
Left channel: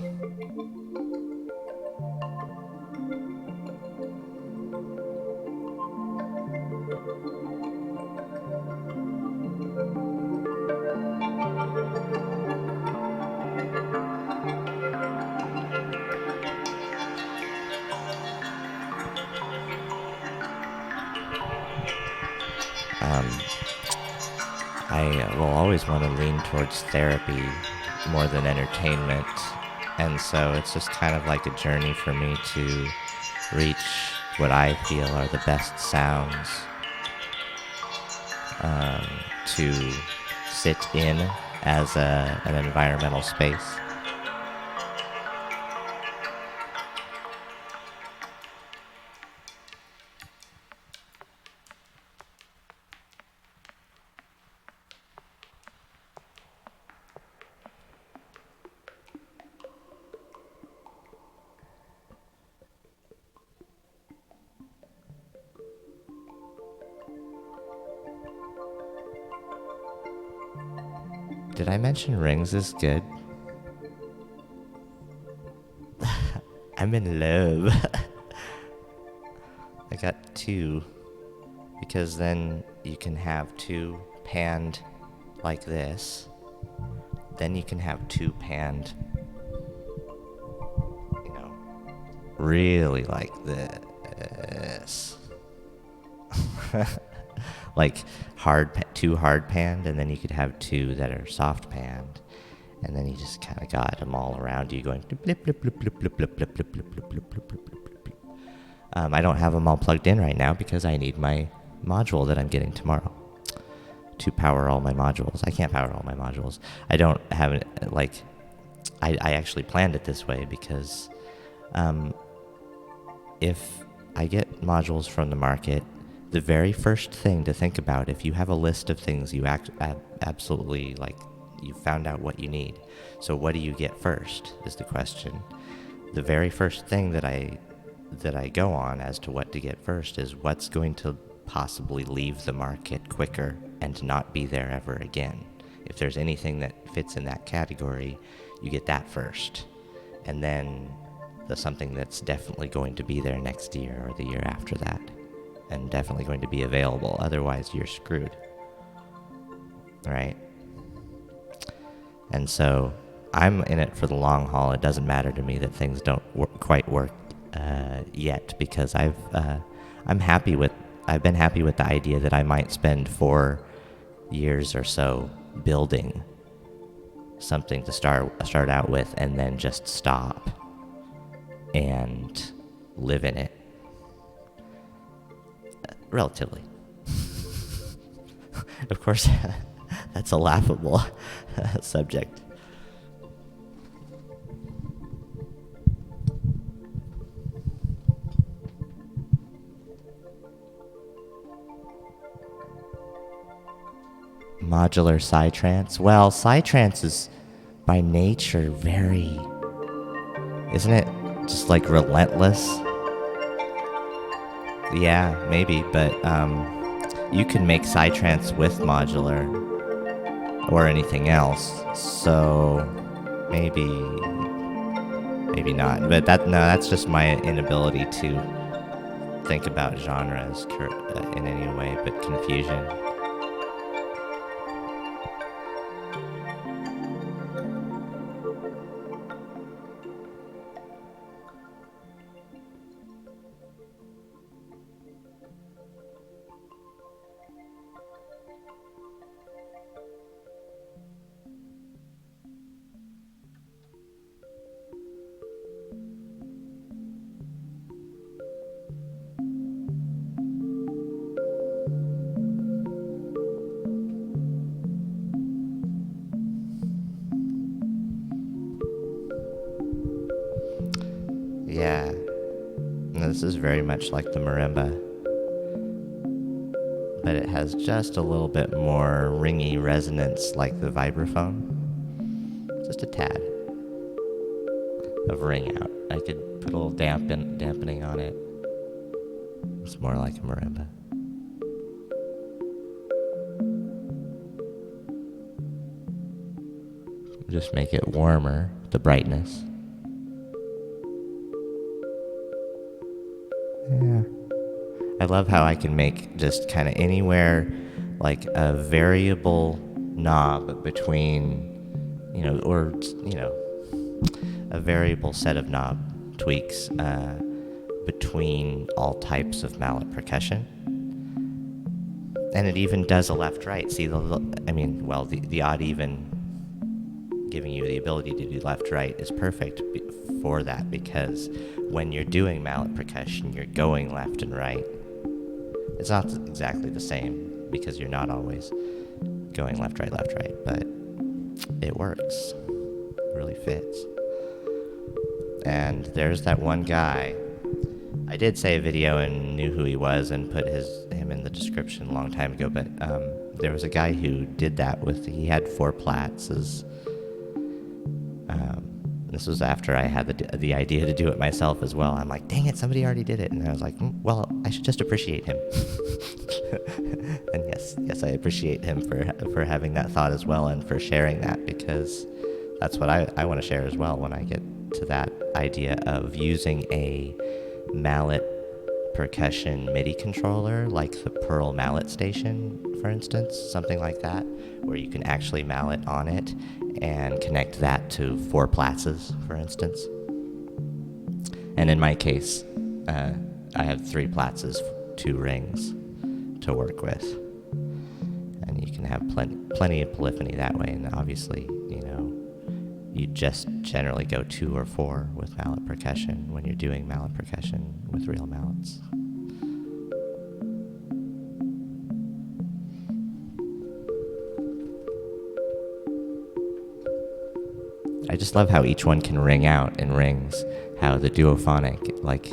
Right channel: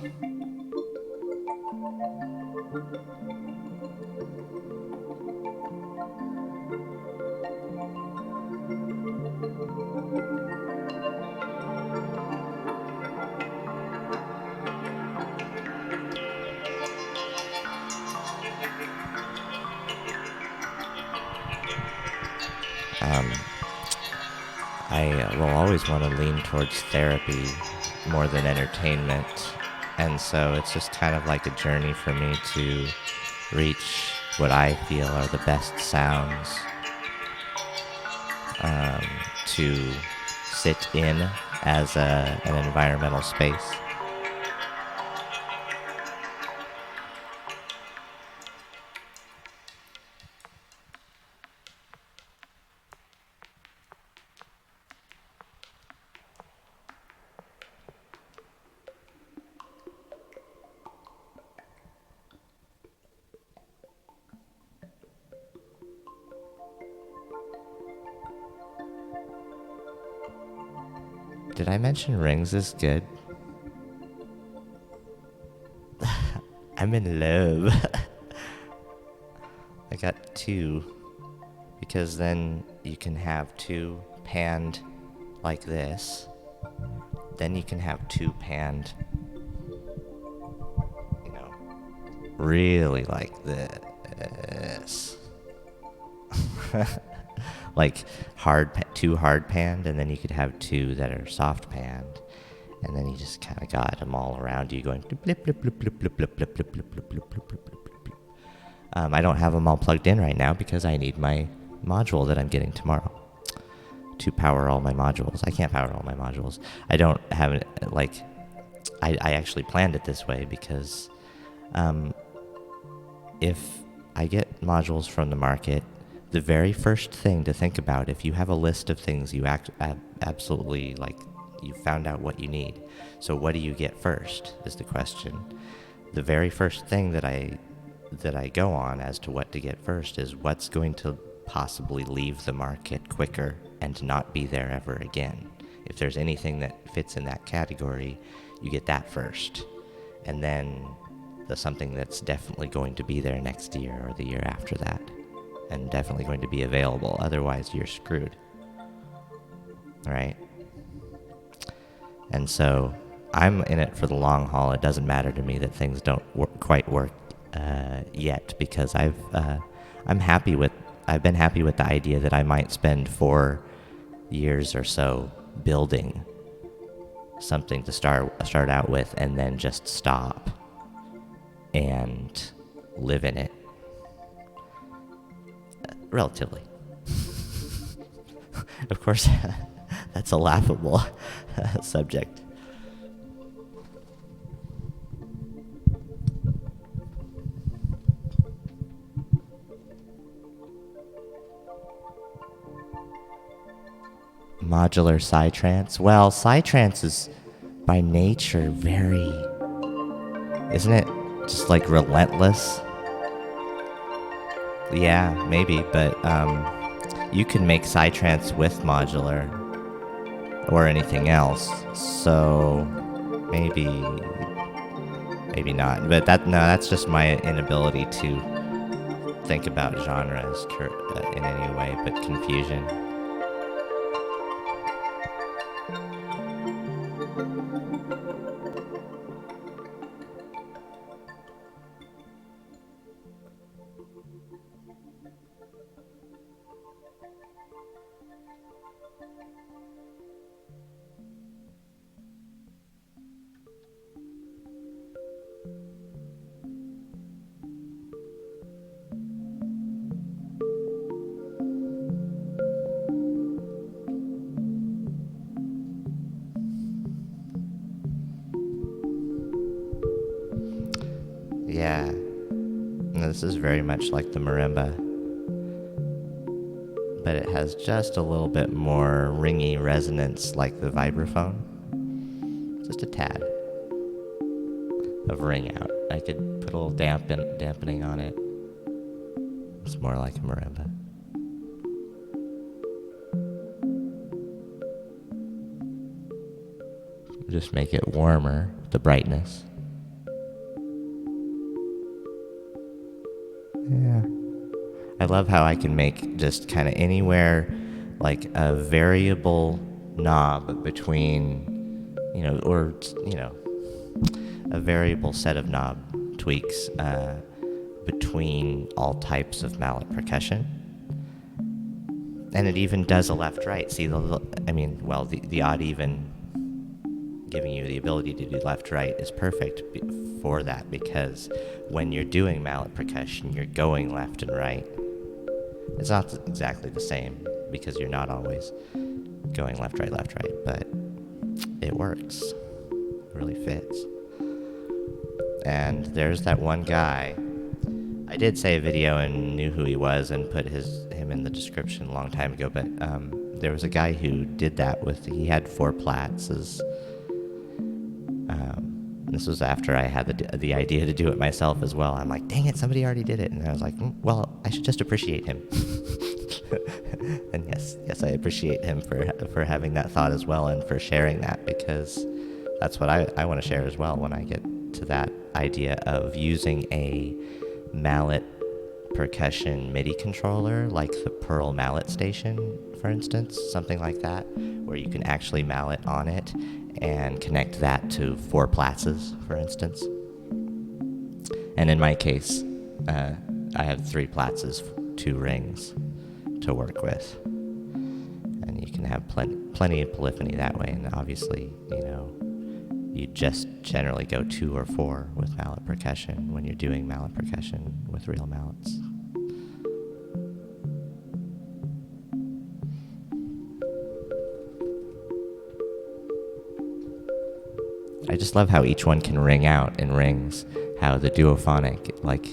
I will always want to lean towards therapy more than entertainment, and so it's just kind of like a journey for me to reach what I feel are the best sounds to sit in as an environmental space. Did I mention rings is good? I'm in love. I got 2, because then you can have 2 panned like this. Then you can have 2 panned, really like this. like two hard panned, and then you could have two that are soft panned, and then you just kind of got them all around you going blip, blip, blip, blip, blip, blip, blip, blip, blip, blip, blip, blip, blip, blip, blip. I don't have them all plugged in right now because I need my module that I'm getting tomorrow to power all my modules. I can't power all my modules. I don't have it, like, I actually planned it this way because if I get modules from the market, the very first thing to think about, if you have a list of things you absolutely, like, you found out what you need, so what do you get first is the question. The very first thing that I go on as to what to get first is what's going to possibly leave the market quicker and not be there ever again. If there's anything that fits in that category, you get that first. And then the something that's definitely going to be there next year or the year after that, and definitely going to be available. Otherwise, you're screwed. Right? And so I'm in it for the long haul. It doesn't matter to me that things don't quite work yet, because I've been happy with the idea that I might spend 4 years or so building something to start out with, and then just stop and live in it. Relatively. Of course, that's a laughable subject. Modular psytrance. Well, psytrance is by nature very, isn't it just like relentless? Yeah, maybe, but you can make psytrance with modular or anything else, so maybe not. But that's just my inability to think about genres in any way but confusion. Yeah, no, this is very much like the marimba, but it has just a little bit more ringy resonance like the vibraphone. Just a tad of ring out. I could put a little dampening on it. It's more like a marimba. Just make it warmer, the brightness. Yeah. I love how I can make just kind of anywhere like a variable knob between, a variable set of knob tweaks between all types of mallet percussion. And it even does a left-right. See, the odd even giving you the ability to do left-right is perfect for that, because when you're doing mallet percussion, you're going left and right. It's not exactly the same because you're not always going left, right, but it works. It really fits. And there's that one guy. I did say a video and knew who he was and put him in the description a long time ago, but there was a guy who did that he had 4 plats. This was after I had the idea to do it myself as well. I'm like, dang it, somebody already did it. And I was like, well, I should just appreciate him. And yes, I appreciate him for having that thought as well, and for sharing that, because that's what I want to share as well when I get to that idea of using a mallet percussion MIDI controller, like the Pearl Mallet Station, for instance, something like that, where you can actually mallet on it and connect that to 4 platses, for instance. And in my case, I have 3 platses, 2 rings to work with. can have plenty of polyphony that way, and obviously, you just generally go 2 or 4 with mallet percussion when you're doing mallet percussion with real mallets. I just love how each one can ring out in rings, how the duophonic, like,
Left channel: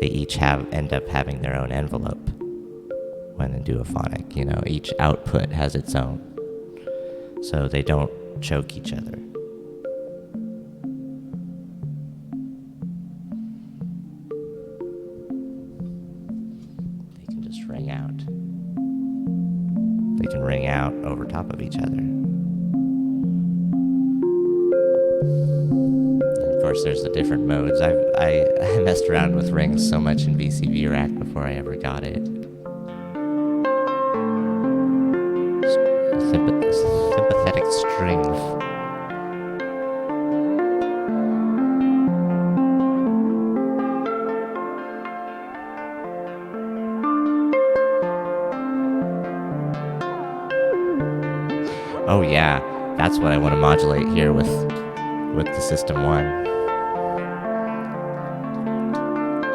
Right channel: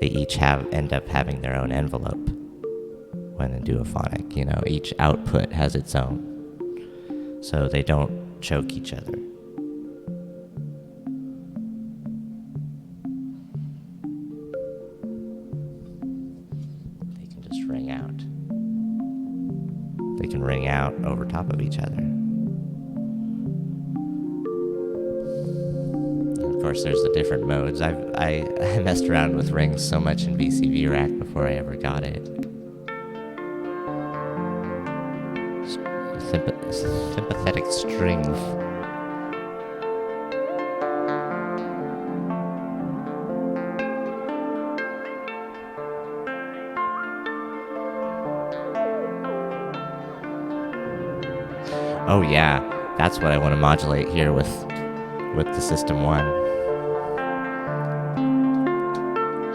they each end up having their own envelope when in duophonic, each output has its own, so they don't choke each other. They can just ring out. They can ring out over top of each other. Of course, there's the different modes. I messed around with rings so much in VCV Rack before I ever got it. Sympathetic strings. Oh yeah, that's what I want to modulate here with the System 1.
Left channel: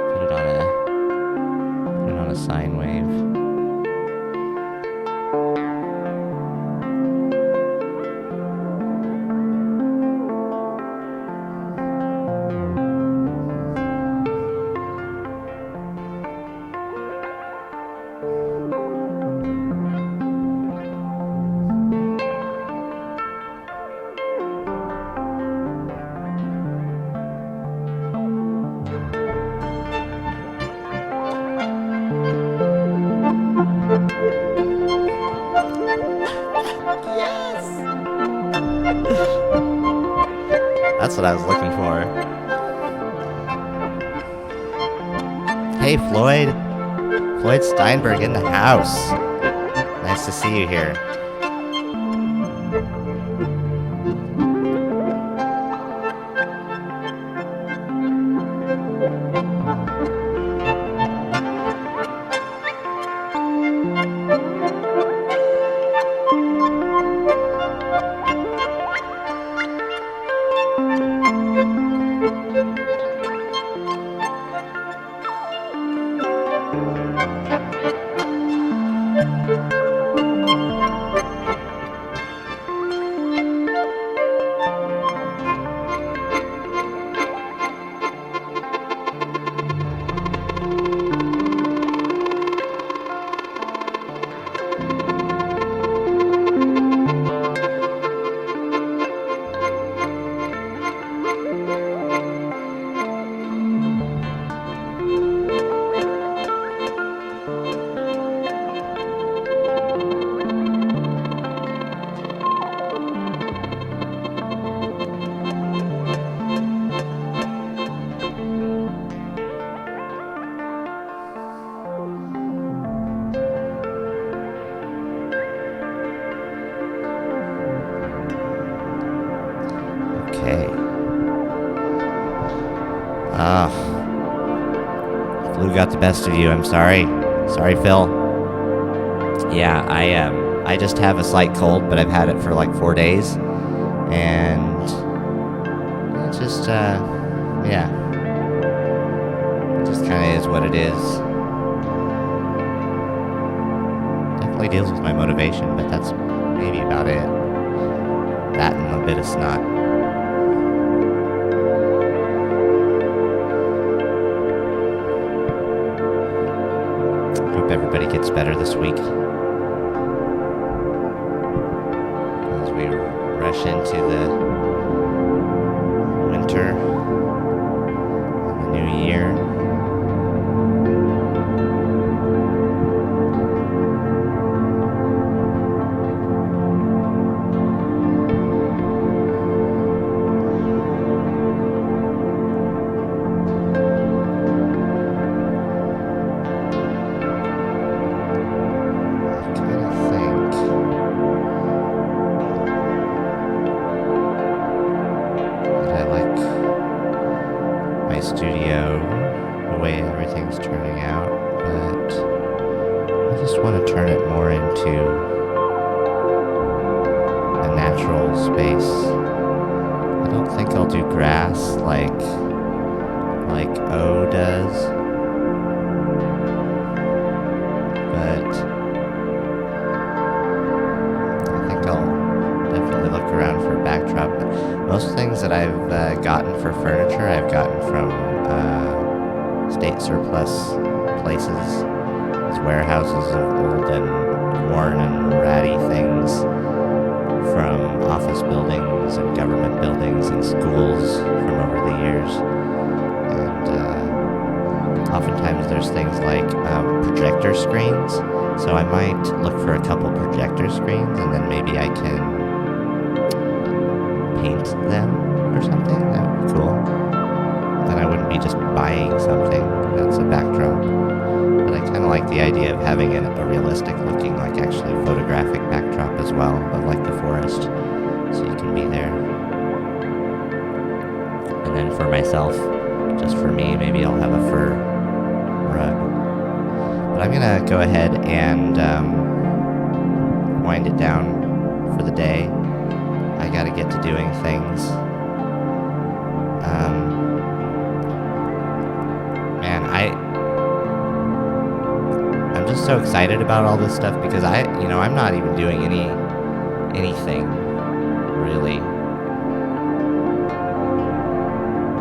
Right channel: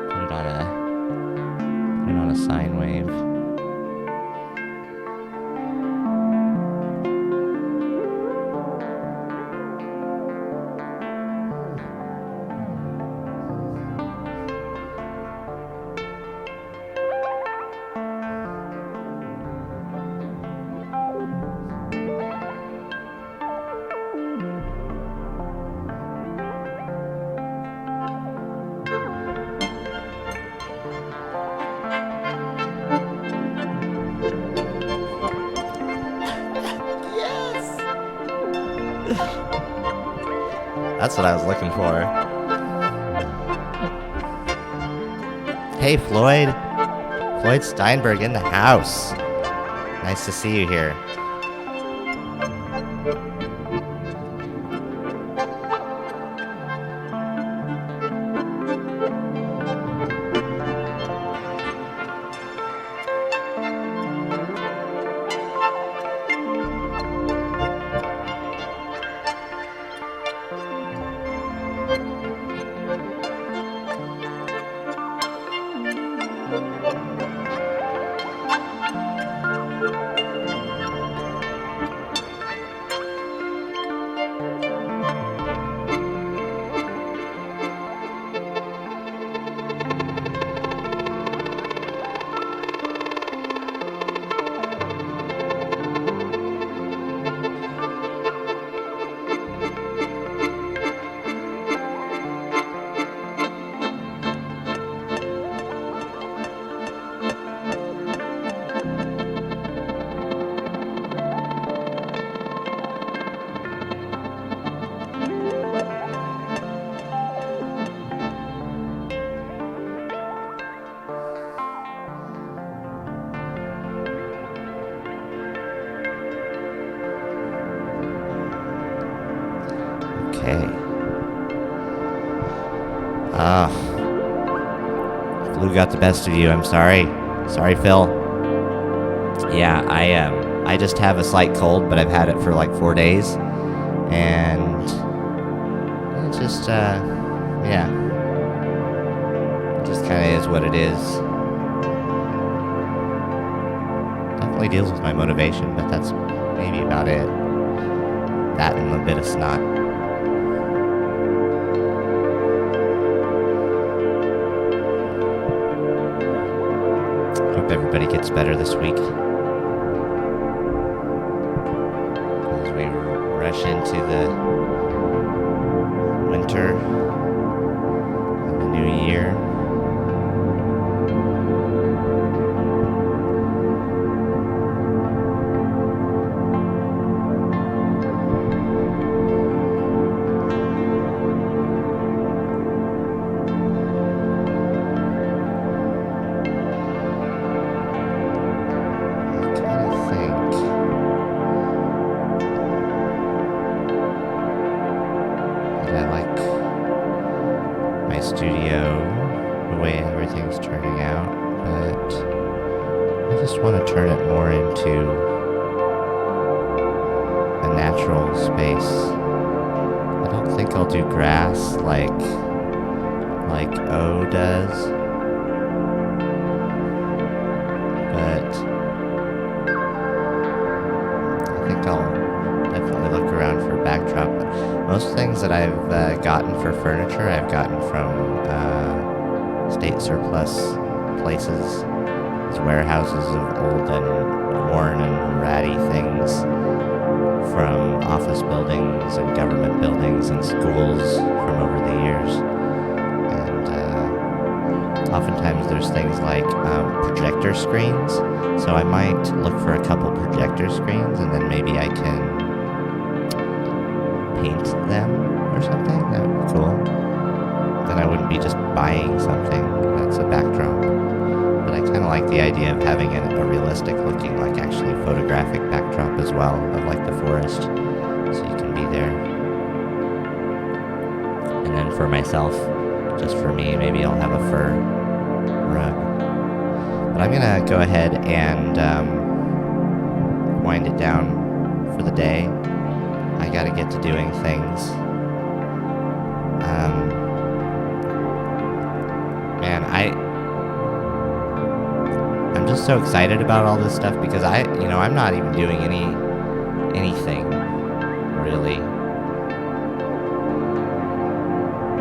Put it on a sine wave. That's what I was looking for. Hey, Floyd. Floyd Steinberg in the house. Nice to see you here. Okay. Flu got the best of you. I'm sorry. Sorry, Phil. Yeah, I just have a slight cold, but I've had it for like 4 days, and it just yeah, it just kind of is what it is. Definitely deals with my motivation, but that's maybe about it. That and a bit of snot. Hope everybody gets better this week as we rush into the winter and the new year. Studio, the way everything's turning out, but I just want to turn it more into a natural space. I don't think I'll do grass like O does, but I think I'll definitely look around for a backdrop. Most things that I've gotten for furniture, I've gotten from state surplus places, these warehouses of old and worn and ratty things from office buildings and government buildings and schools from over the years. And oftentimes there's things like projector screens, so I might look for a couple projector screens and then maybe I can paint them or something. That would be cool. Then I wouldn't be just buying something that's a backdrop. But I kind of like the idea of having a realistic looking, like actually photographic backdrop as well, of like the forest, so you can be there. And then for myself, just for me, maybe I'll have a fur rug. But I'm gonna go ahead and wind it down for the day. I gotta get to doing things. Man, I'm just so excited about all this stuff because I'm not even doing anything really.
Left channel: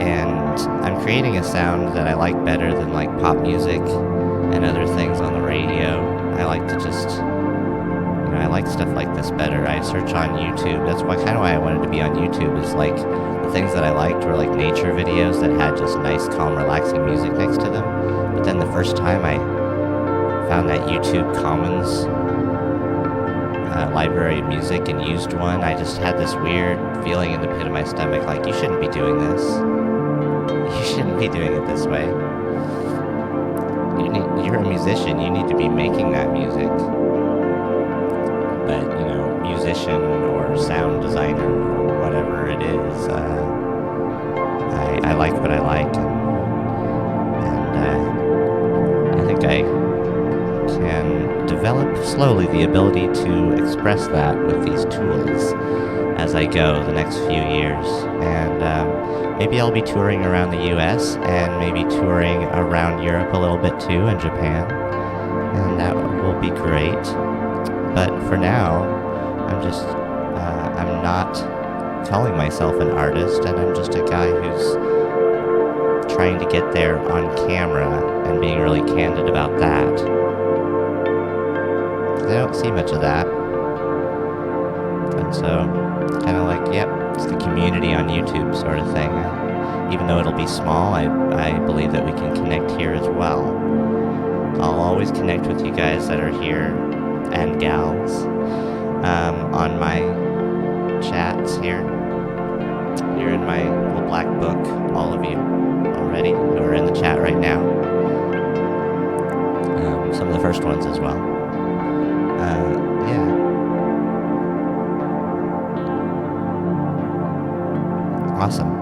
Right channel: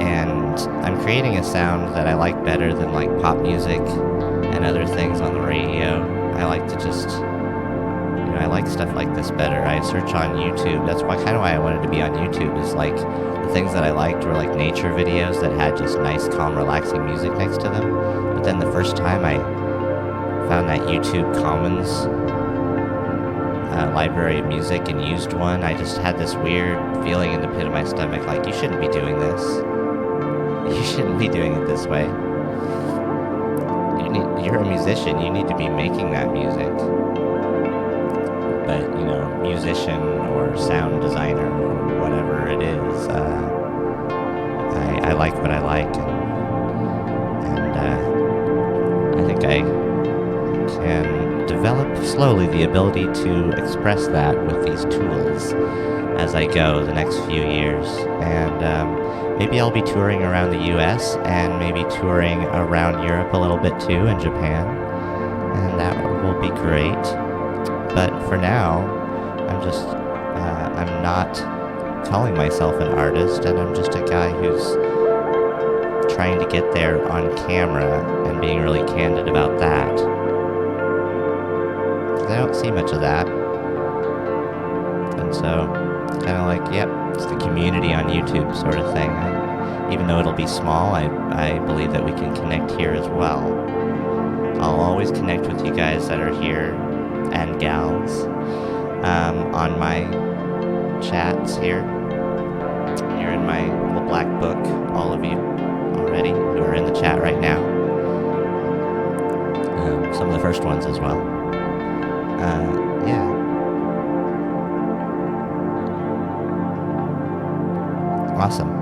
And I'm creating a sound that I like better than like pop music and other things on the radio. I like to just, I like stuff like this better. I search on YouTube. That's why I wanted to be on YouTube, is like the things that I liked were like nature videos that had just nice, calm, relaxing music next to them. But then the first time I found that YouTube Commons library of music and used one, I just had this weird feeling in the pit of my stomach, like, you shouldn't be doing this. You shouldn't be doing it this way. You're a musician, you need to be making that music. But, musician or sound designer or whatever it is, I like what I like, and I think I can develop slowly the ability to express that with these tools as I go the next few years. And maybe I'll be touring around the US and maybe touring around Europe a little bit too, and Japan, and that will be great. But for now, I'm not calling myself an artist, and I'm just a guy who's trying to get there on camera and being really candid about that. I don't see much of that. And so, kind of like, yep, it's the community on YouTube sort of thing. Even though it'll be small, I believe that we can connect here as well. I'll always connect with you guys that are here, and gals, on my chats here. You're in my little black book, all of you already who are in the chat right now. Some of the first ones as well. Yeah. Awesome.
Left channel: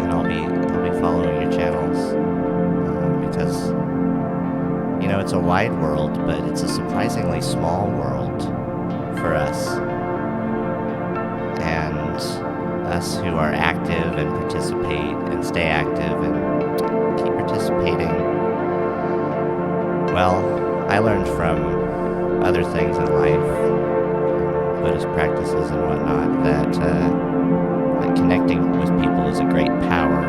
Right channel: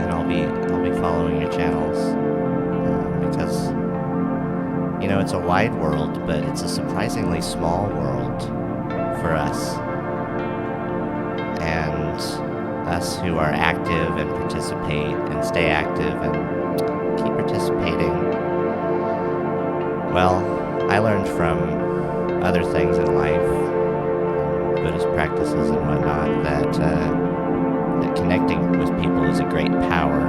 And I'll be following your channels because it's a wide world, but it's a surprisingly small world for us. And us who are active and participate and stay active and keep participating. Well, I learned from other things in life, Buddhist practices and whatnot, that connecting with people is a great power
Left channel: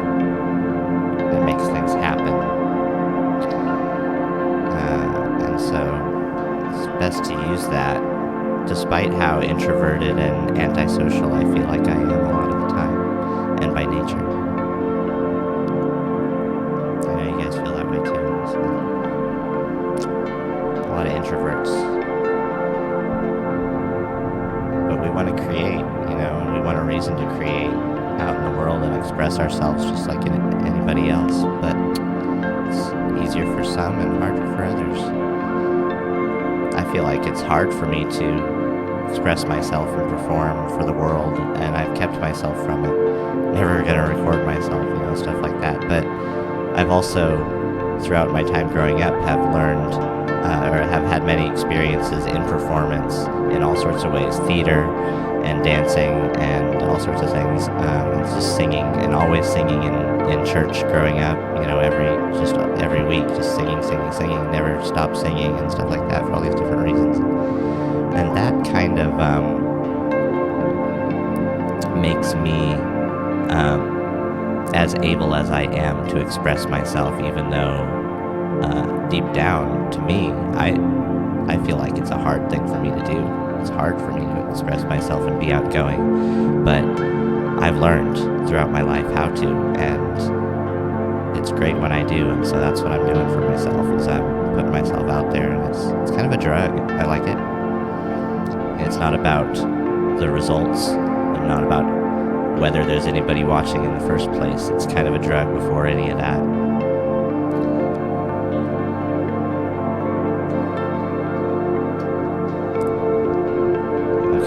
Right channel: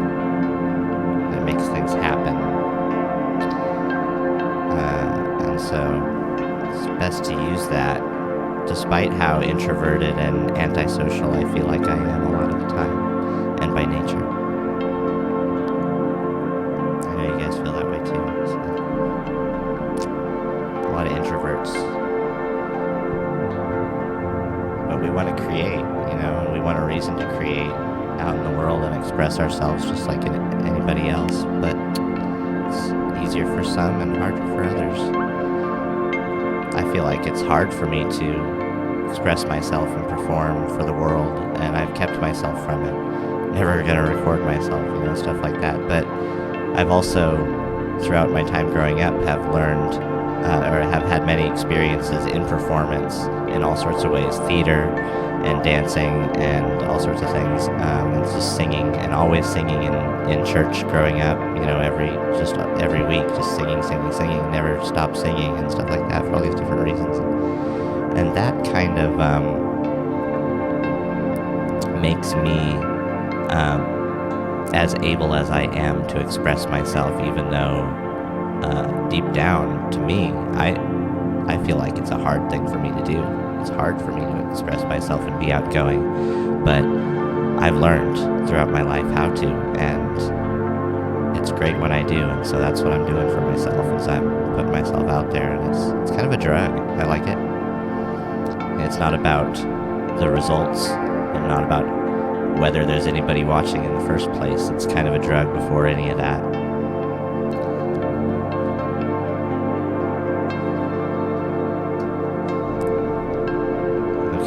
that makes things happen. And so it's best to use that, despite how introverted and antisocial I feel like I am a lot of the time, and by nature. I know you guys feel that way too. So. A lot of introverts. But we want to create, and we want a reason to create out in the world and express ourselves just like anybody else. But it's easier for some and harder for others. I feel like it's hard for me to express myself and perform for the world, and I've kept myself from it. Never gonna record myself, stuff like that. But I've also, throughout my time growing up, have learned or have had many experiences in performance in all sorts of ways, theater and dancing and all sorts of things, and just singing, and always singing in church growing up, every week, just singing, never stopped singing and stuff like that for all these different reasons. And that kind of makes me as able as I am to express myself, even though deep down, to me, I feel like it's a hard thing for me to do. It's hard for me to express myself and be outgoing, but I've learned throughout my life how to, and it's great when I do, and so that's what I'm doing for myself, is I'm putting myself out there, and it's kind of a drug. I like it. It's not about the results, and not about whether there's anybody watching in the first place. It's kind of a drug before any of that.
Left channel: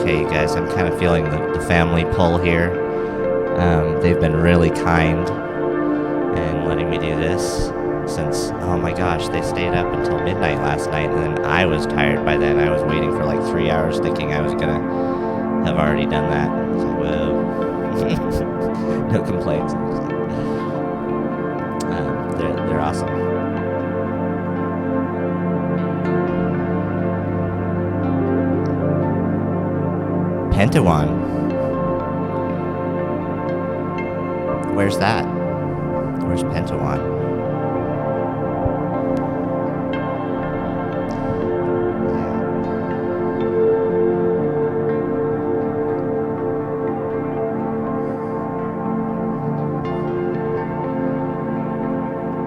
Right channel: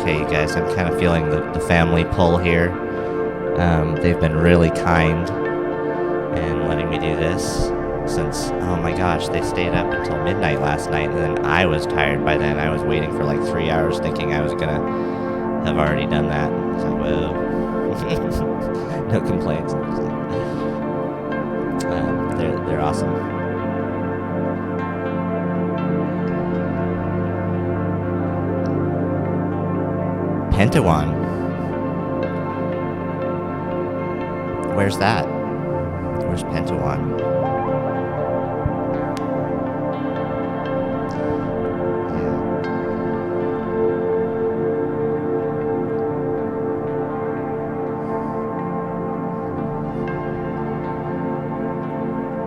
Okay, you guys, I'm kind of feeling the family pull here. They've been really kind in letting me do this since, oh my gosh, they stayed up until midnight last night, and then I was tired by then. I was waiting for like 3 hours thinking I was gonna have already done that. I was like, whoa. No complaints. They're awesome. Pentawan. Where's that? Where's Pentawan?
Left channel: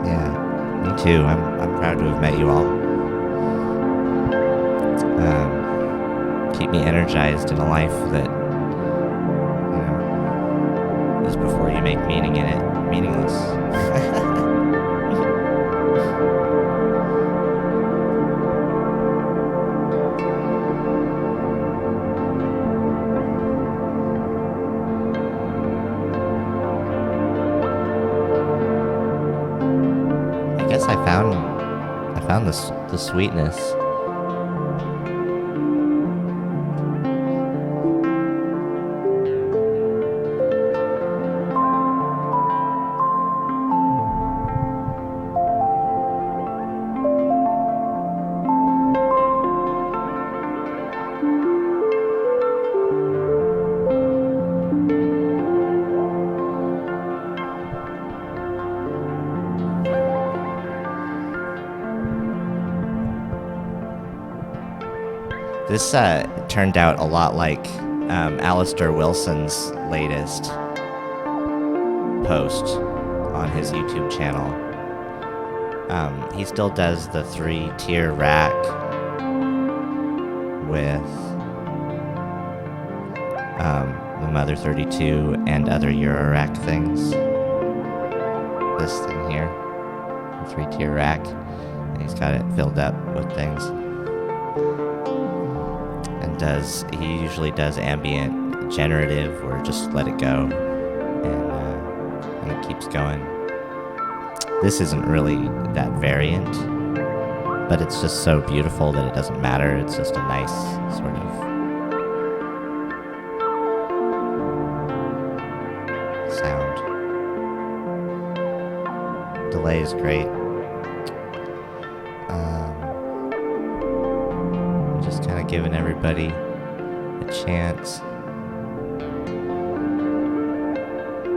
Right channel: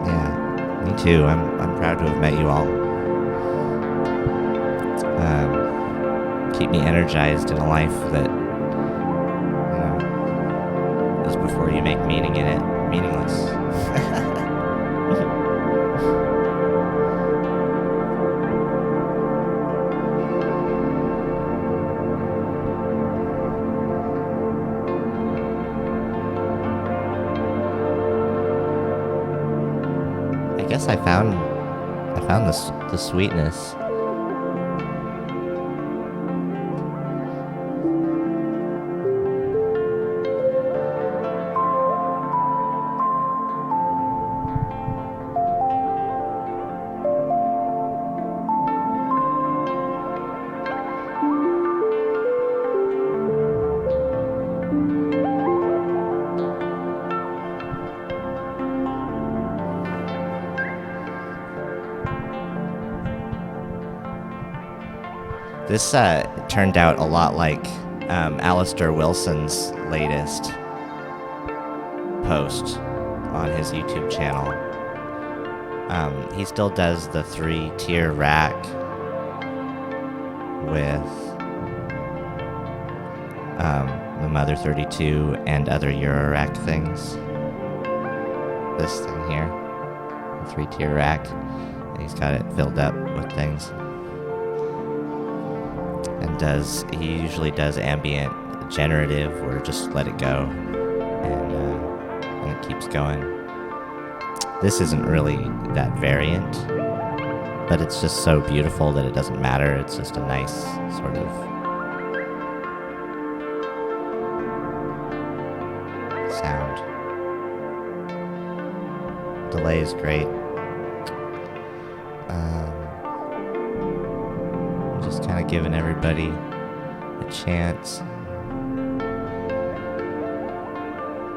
Yeah, me too. I'm proud to have met you all. Keep me energized in a life that, is before you make meaning in it meaningless. I guess I found the sweetness. This turned out a lot like Alistair Wilson's latest post on his YouTube channel. He still does the 3-tier rack with the Mother 32 and other Euro rack things. This thing here, the 3-tier rack, and he's got it filled up with things. And he usually does ambient generative, or just let it go, and it keeps going. This isn't really that variant, but it's just so beautiful that it doesn't matter. It's just a nice sort of sound. Delay is great. Just kind of giving everybody a chance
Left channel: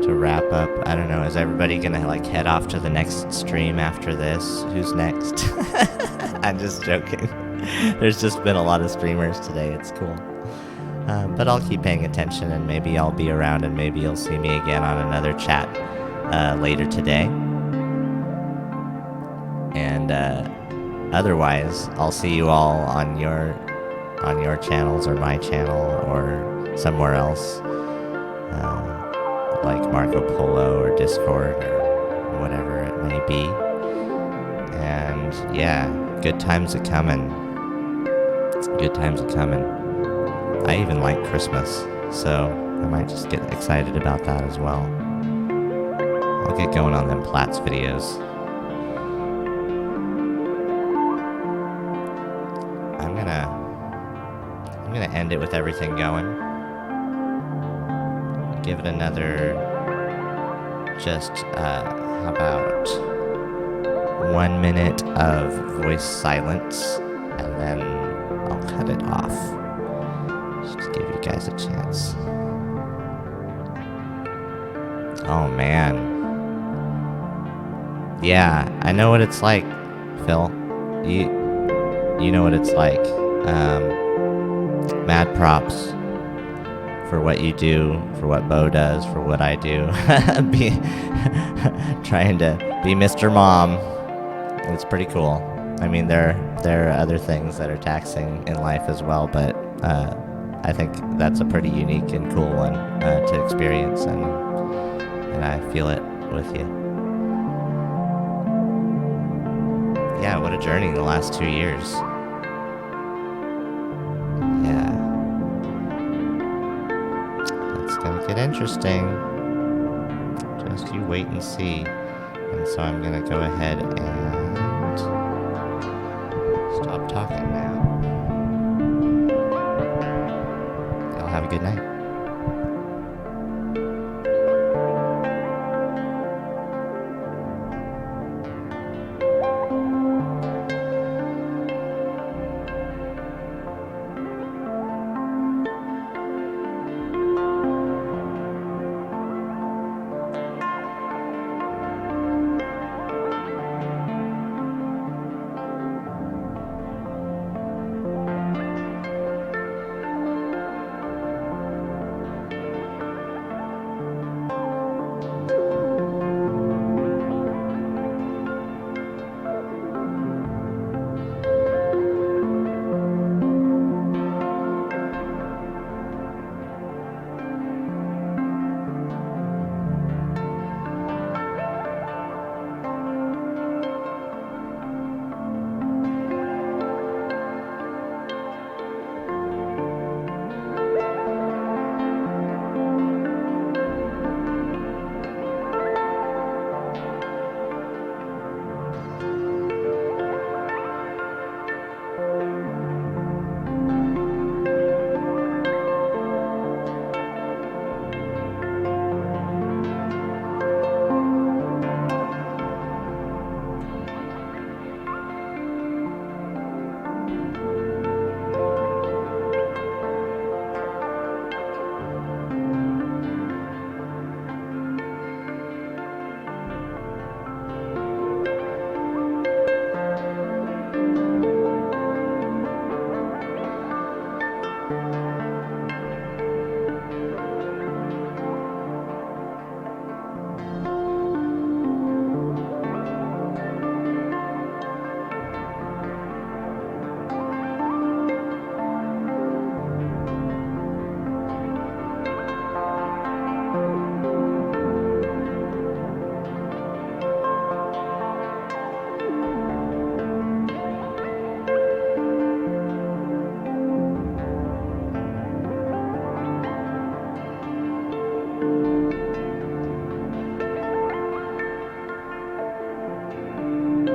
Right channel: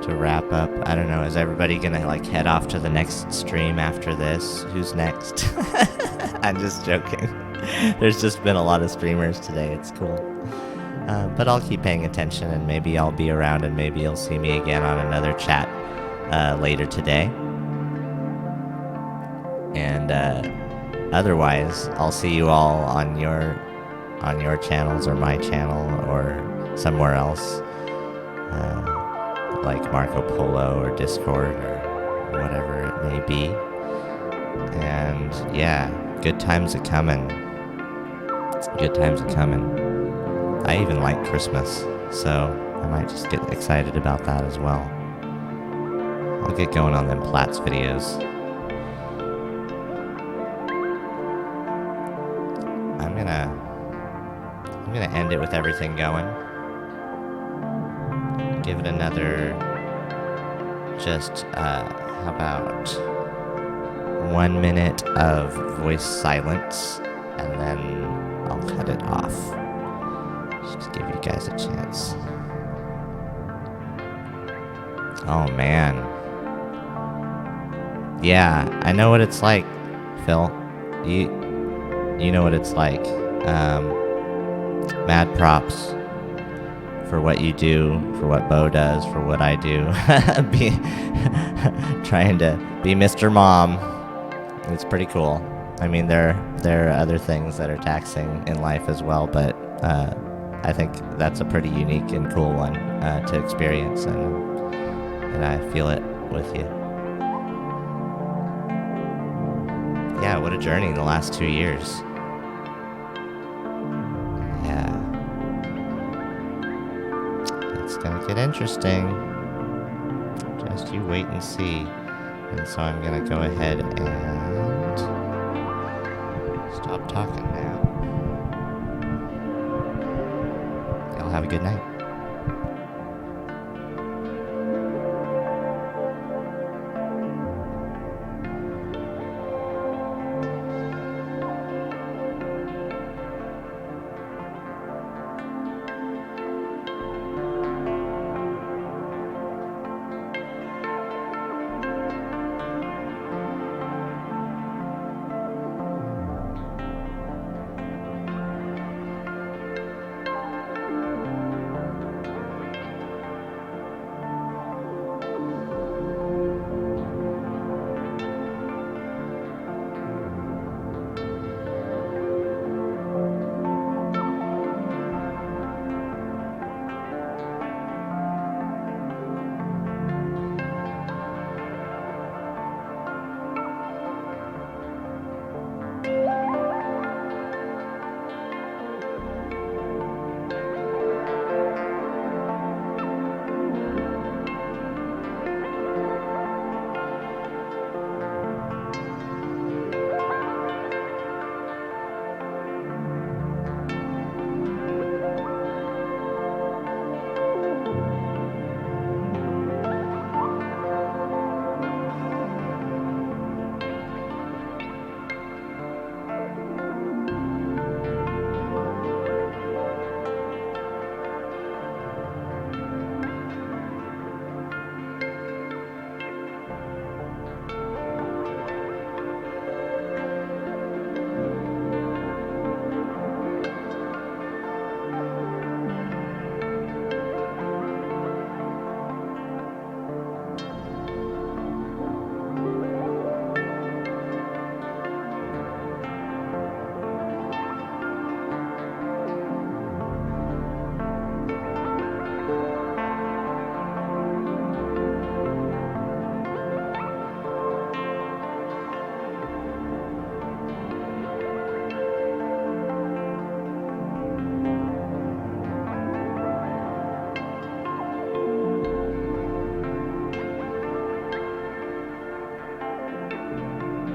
to wrap up. I don't know, is everybody gonna like head off to the next stream after this? Who's next? I'm just joking. There's just been a lot of streamers today. It's cool. But I'll keep paying attention, and maybe I'll be around, and maybe you'll see me again on another chat later today. And otherwise, I'll see you all on your channels, or my channel, or somewhere else, like Marco Polo or Discord or whatever it may be. And yeah, good times are coming. Good times are coming. I even like Christmas, so I might just get excited about that as well. I'll get going on them Platts videos. I'm gonna end it with everything going. Give it another, just how about 1 minute of voice silence, and then I'll cut it off. Just give you guys a chance. Oh man. Yeah, I know what it's like, Phil. You know what it's like. Mad props for what you do, for what Bo does, for what I do. Trying to be Mr. Mom. It's pretty cool. I mean, there are other things that are taxing in life as well, but I think that's a pretty unique and cool one to experience, and I feel it with you. Yeah, what a journey in the last 2 years. Yeah. It's gonna get interesting. Just you wait and see. And so I'm gonna go ahead and stop talking now. Y'all have a good night.